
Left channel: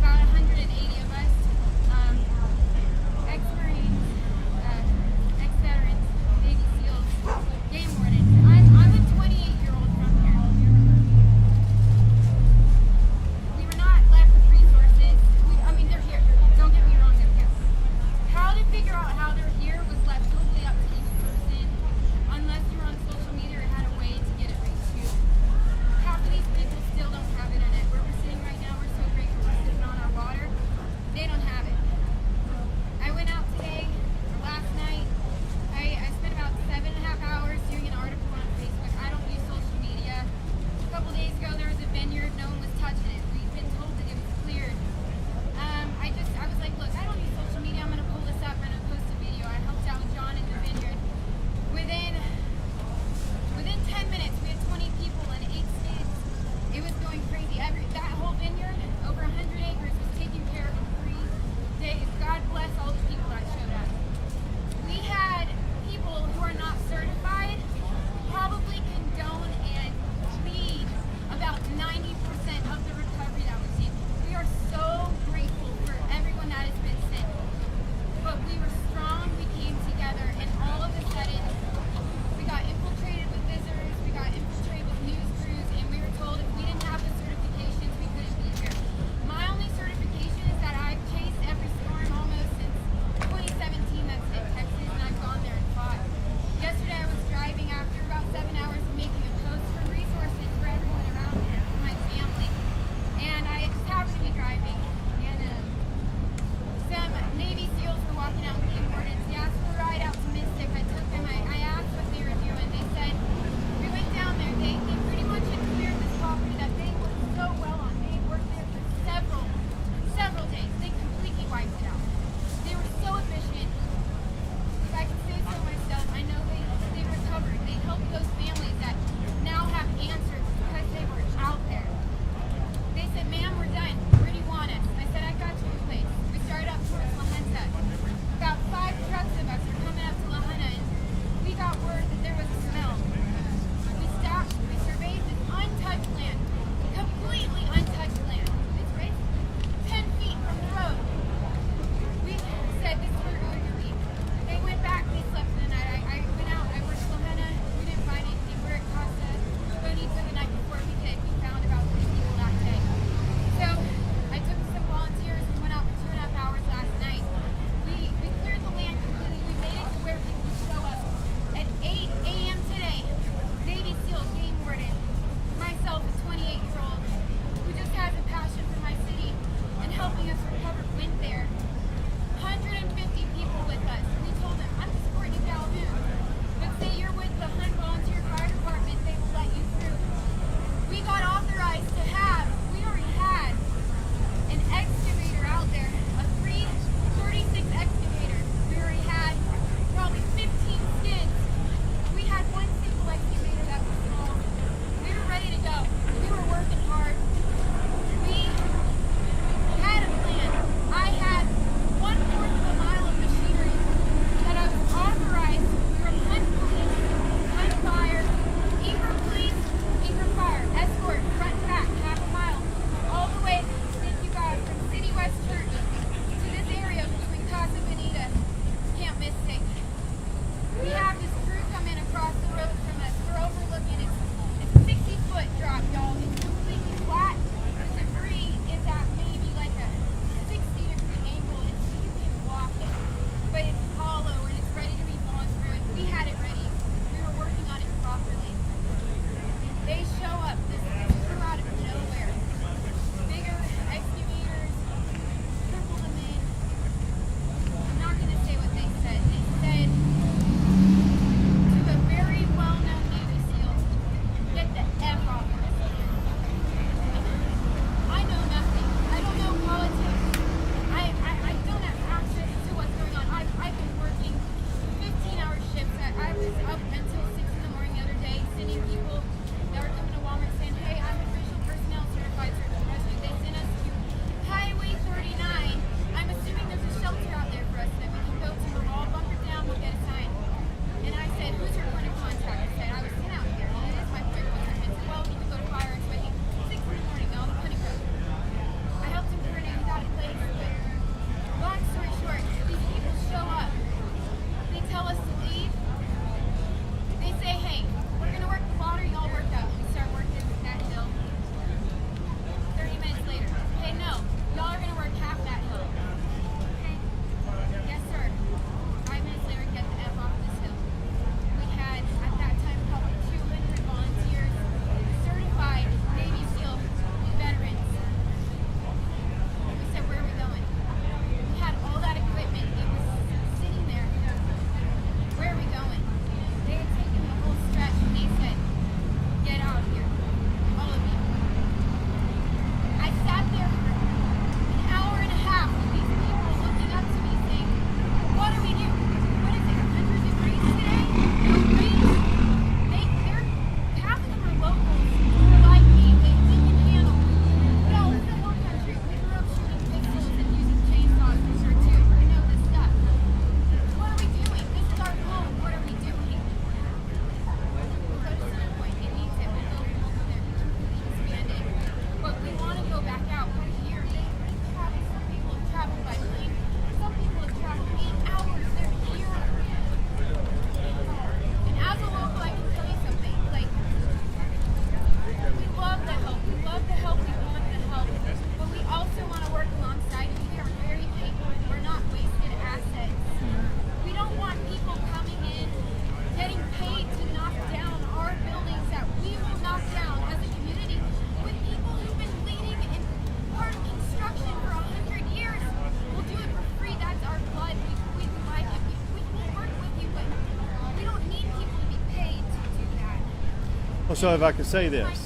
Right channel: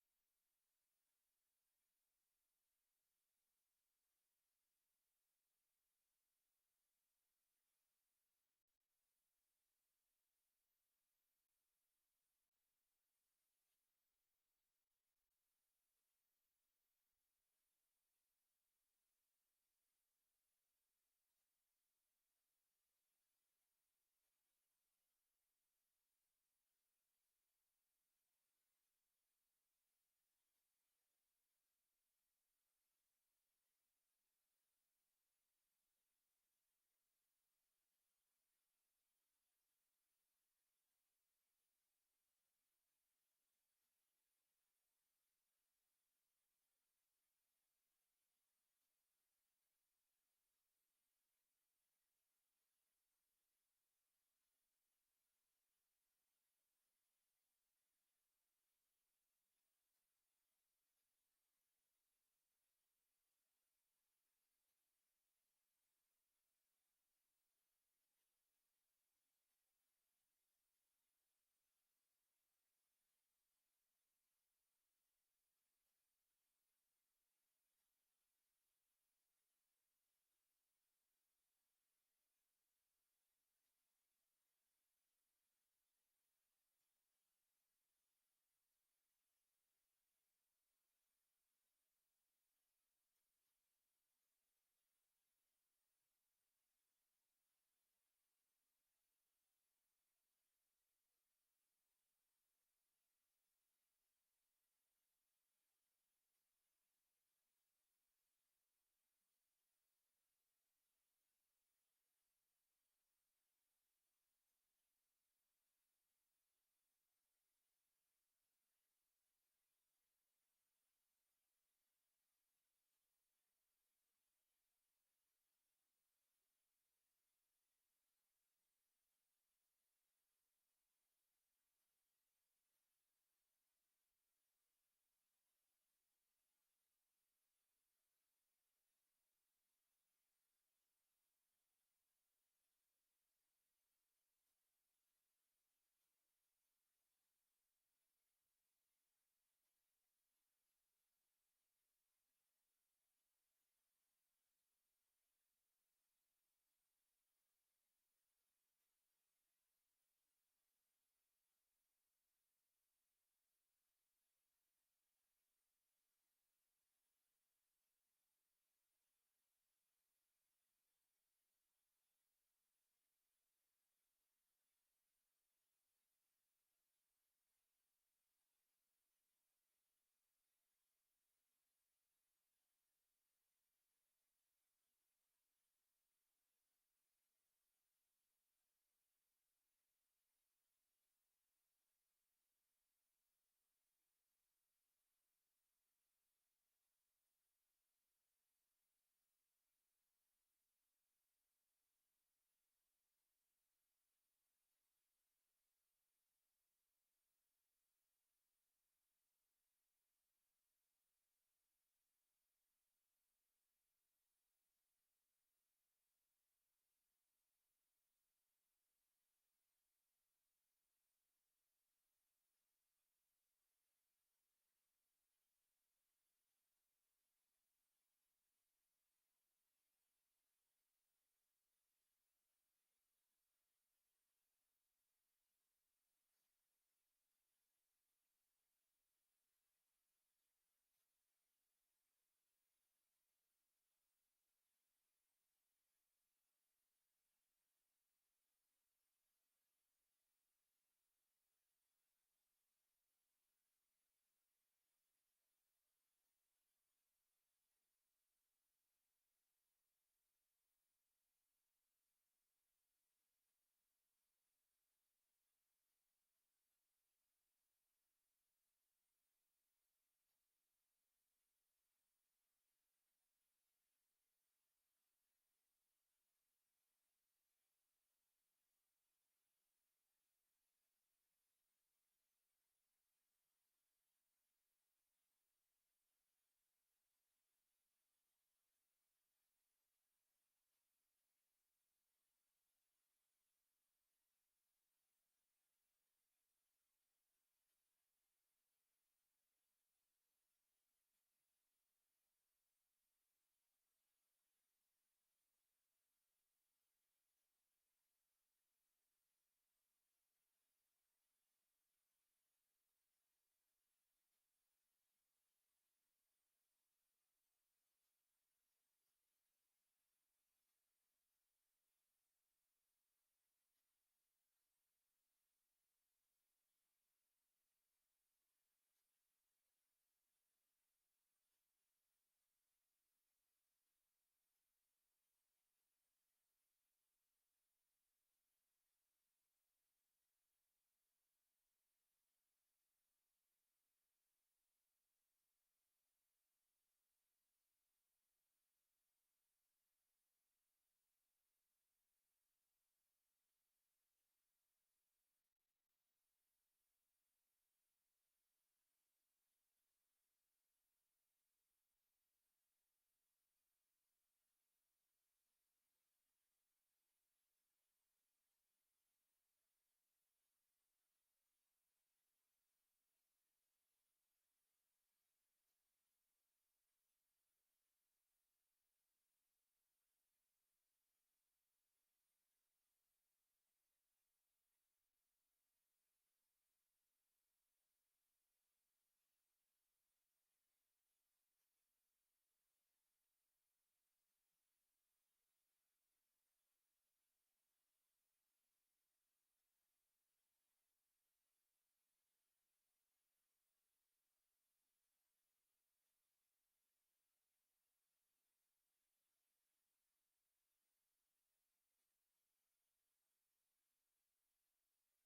Well, so if I could say this. Yes,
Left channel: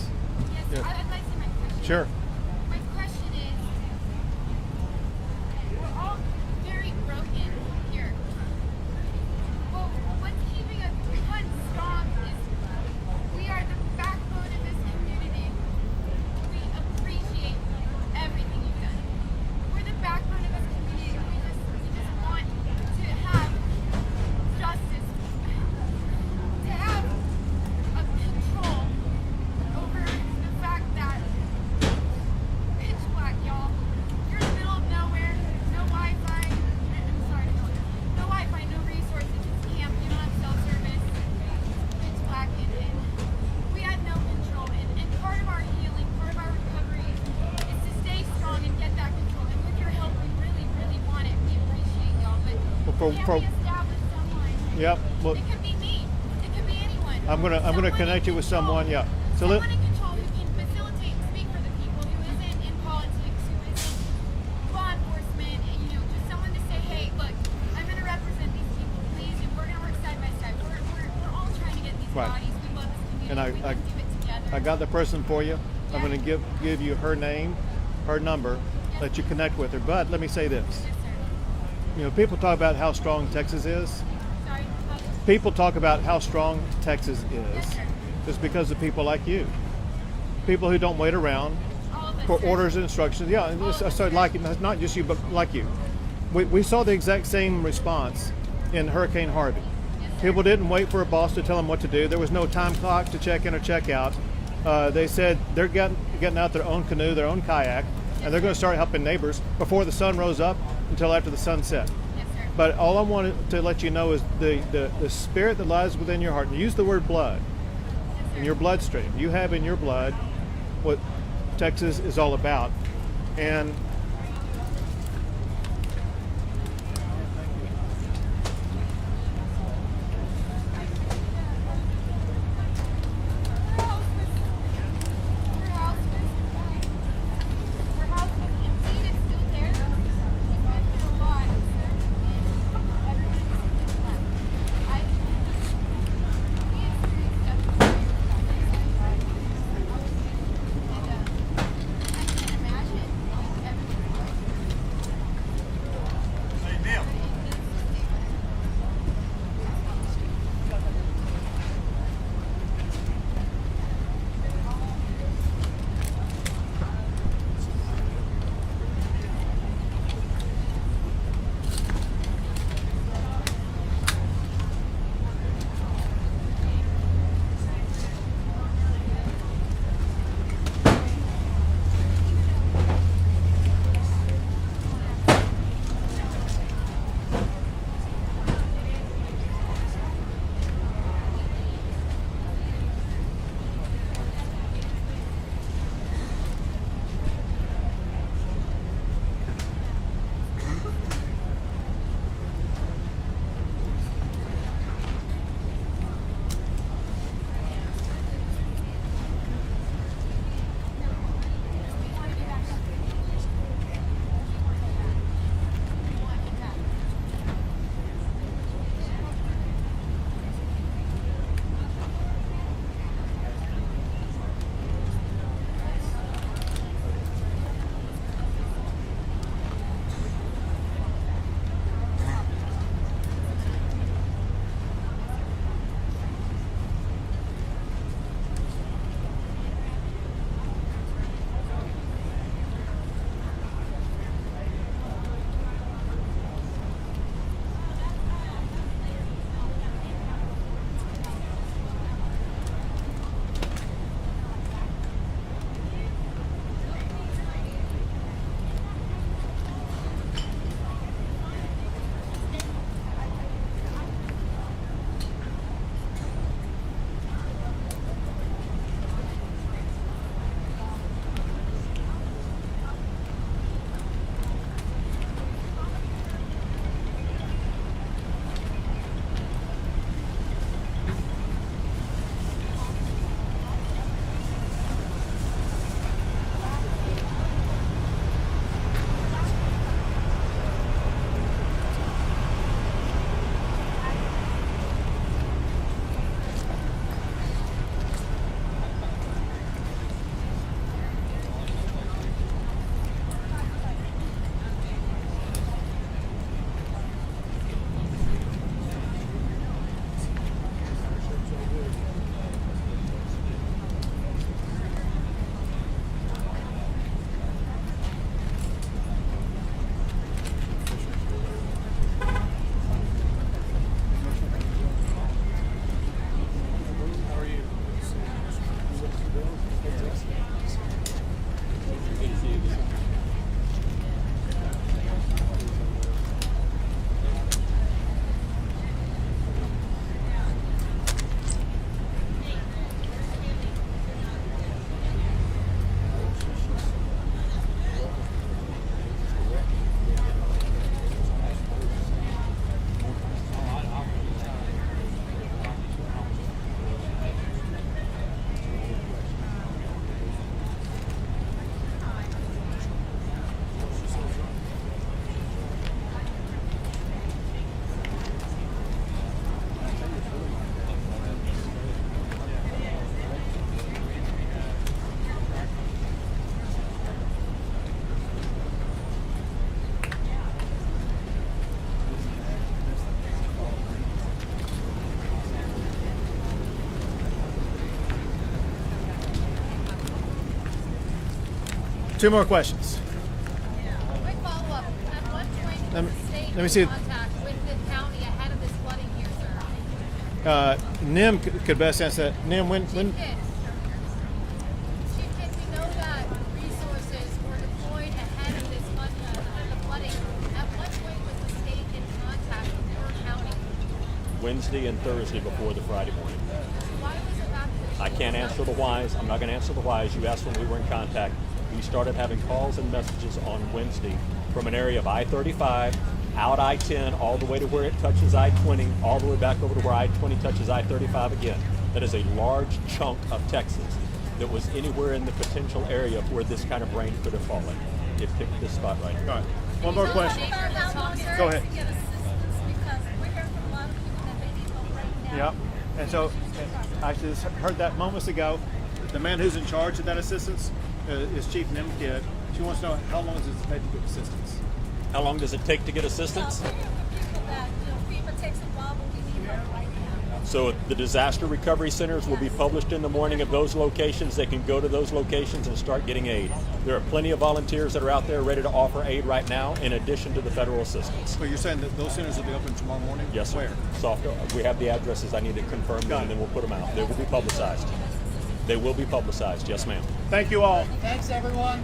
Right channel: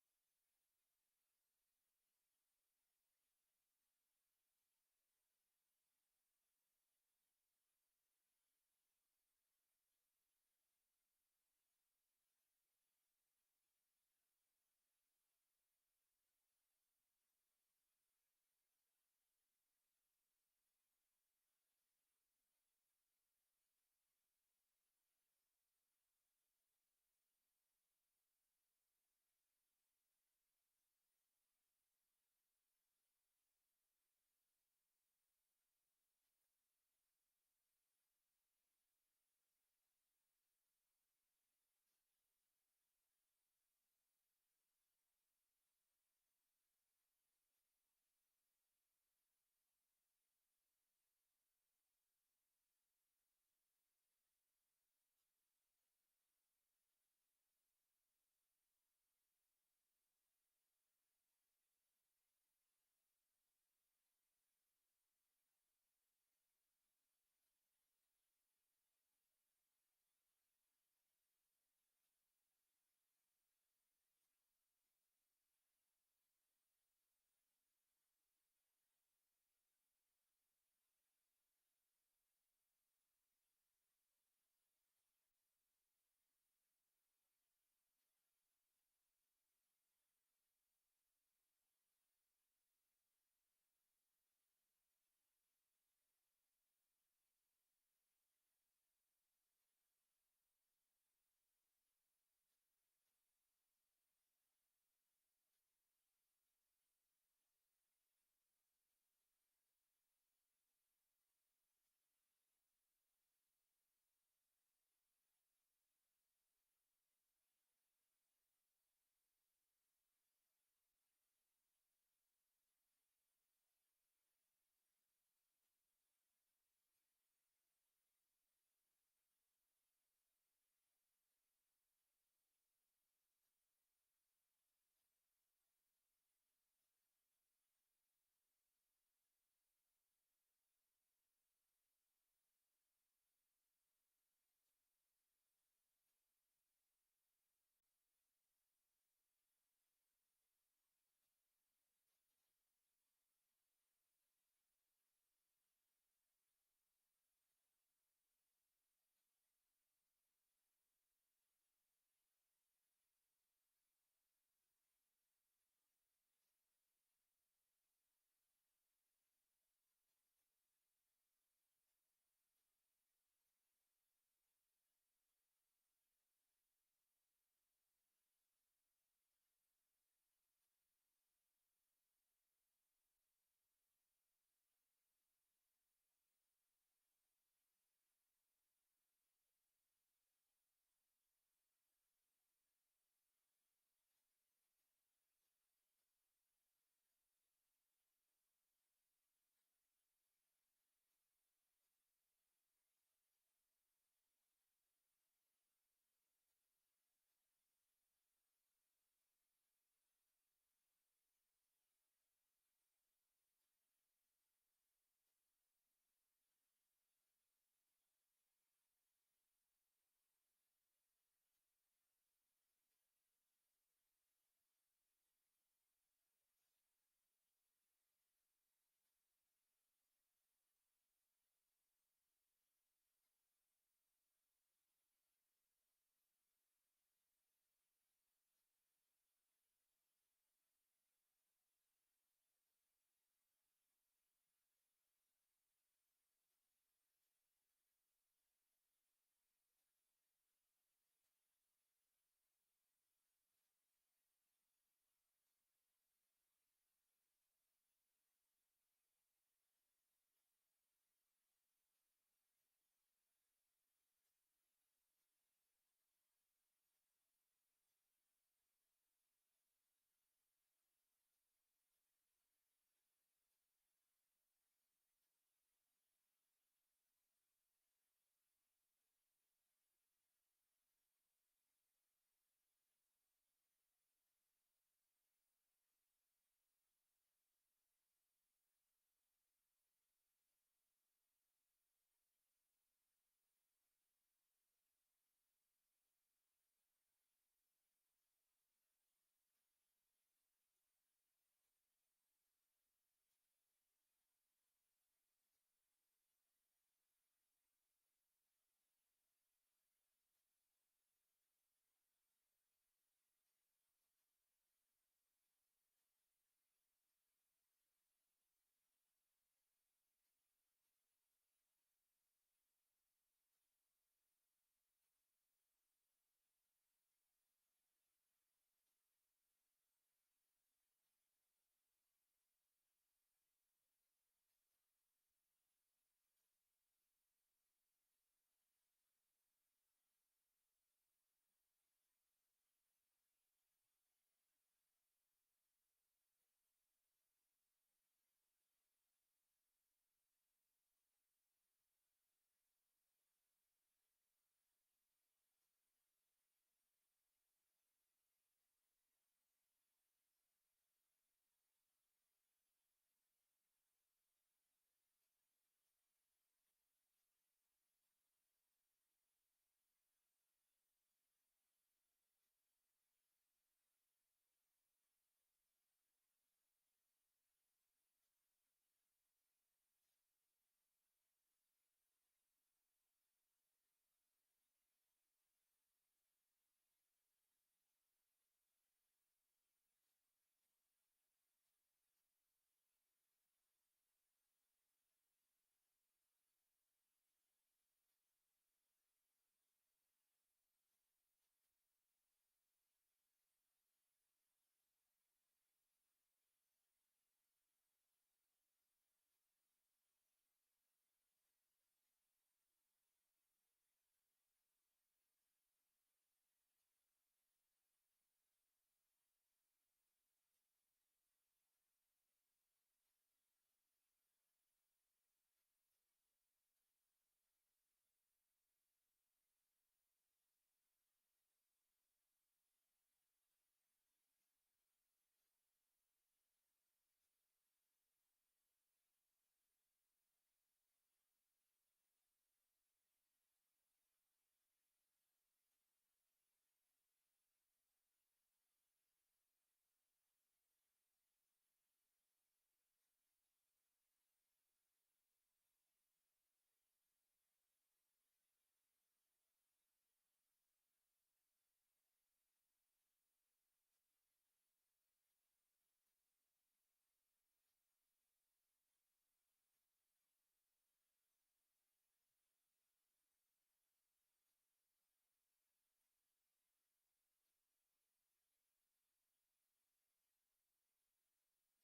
Yeah. I'd like to say my question. Sure. My question is, we're all very broken here. Well, what's keeping us one strong is we are the backbone of this community. We appreciate everything you've done. We're the backbone of this community. We just want to have justice, to have a control over the fact that pitch black, y'all. You're in the middle of nowhere, no Wi-Fi. I'm sorry, no Wi-Fi, no resources. It's camp. You don't have cell service. Pitch black, and we had no control. And part of our healing, part of our recovery, is to stay strong and get that control. And with your help, we really, really want it. We appreciate y'all, but Well, can we establish someone? Yep. Well, It could be me. It could be anyone. I'm gonna Someone connect you in with control. someone. Yeah. So Someone in control who can facilitate and speak for the people, who isn't in politics, who isn't law enforcement, and just someone to say, hey, look, I'm gonna represent these people, please, and we're gonna work side by side. We're all trying to get these Right. bodies. We love this community. And we can do it together. I got the person for you. I'm going to give you her name, her number, let you connect with her. But let me say this. Yes, sir. People talk about how strong Texas is. Sorry. People talk about how strong Texas is. Yes, sir. It's because of people like you. People who don't wait around All of us, for sir. orders and instructions. Yeah, and I started like it. Not just you, but like you. We saw the exact same response in Hurricane Harvey. People didn't wait for a boss to tell them what to do. There was no time clock to check in or check out. They said they're getting out their own canoe, their own kayak, and they're going to start helping neighbors before the sun rose up until after the sun set. Yes, sir. But all I wanted to let you know is the spirit that lies within your heart. And use the word blood in your bloodstream. You have in your blood what Texas is all about. And Two more questions. Quick follow-up. At what point Let was me- the state let me in see. contact with the county ahead of this flooding here, sir? Nim could best answer that. Nim, when Chief Kidd, we know that resources were deployed ahead of this the flooding. At what point was the state in contact with your county? Wednesday and Thursday before the Friday morning. Why was it back to I can't answer the whys. I'm not going to answer the whys. You asked when we were in contact. We started having calls and messages on Wednesday from an area of I-35, out I-10, all the way to where it touches I-20, all the way back over to where I-20 touches I-35 again. That is a large chunk of Texas that was anywhere in the potential area where this kind of rain could have fallen. It picked this spot right here. All right. One more question. Go ahead. Yep. And so, I just heard that moments ago. The man who's in charge of that assistance is Chief Nim Kidd. She wants to know how long does it take to get assistance? How long does it take to get assistance? So the disaster recovery centers will be published in the morning of those locations. They can go to those locations and start getting aid. There are plenty of volunteers that are out there ready to offer aid right now, in addition to the federal assistance. So you're saying that those centers will be open tomorrow morning? Yes, sir. Where? Soft. We have the addresses. I need to confirm them, and then we'll put them out. They will be publicized. They will be publicized. Yes, ma'am. Thank you all. Thanks, everyone.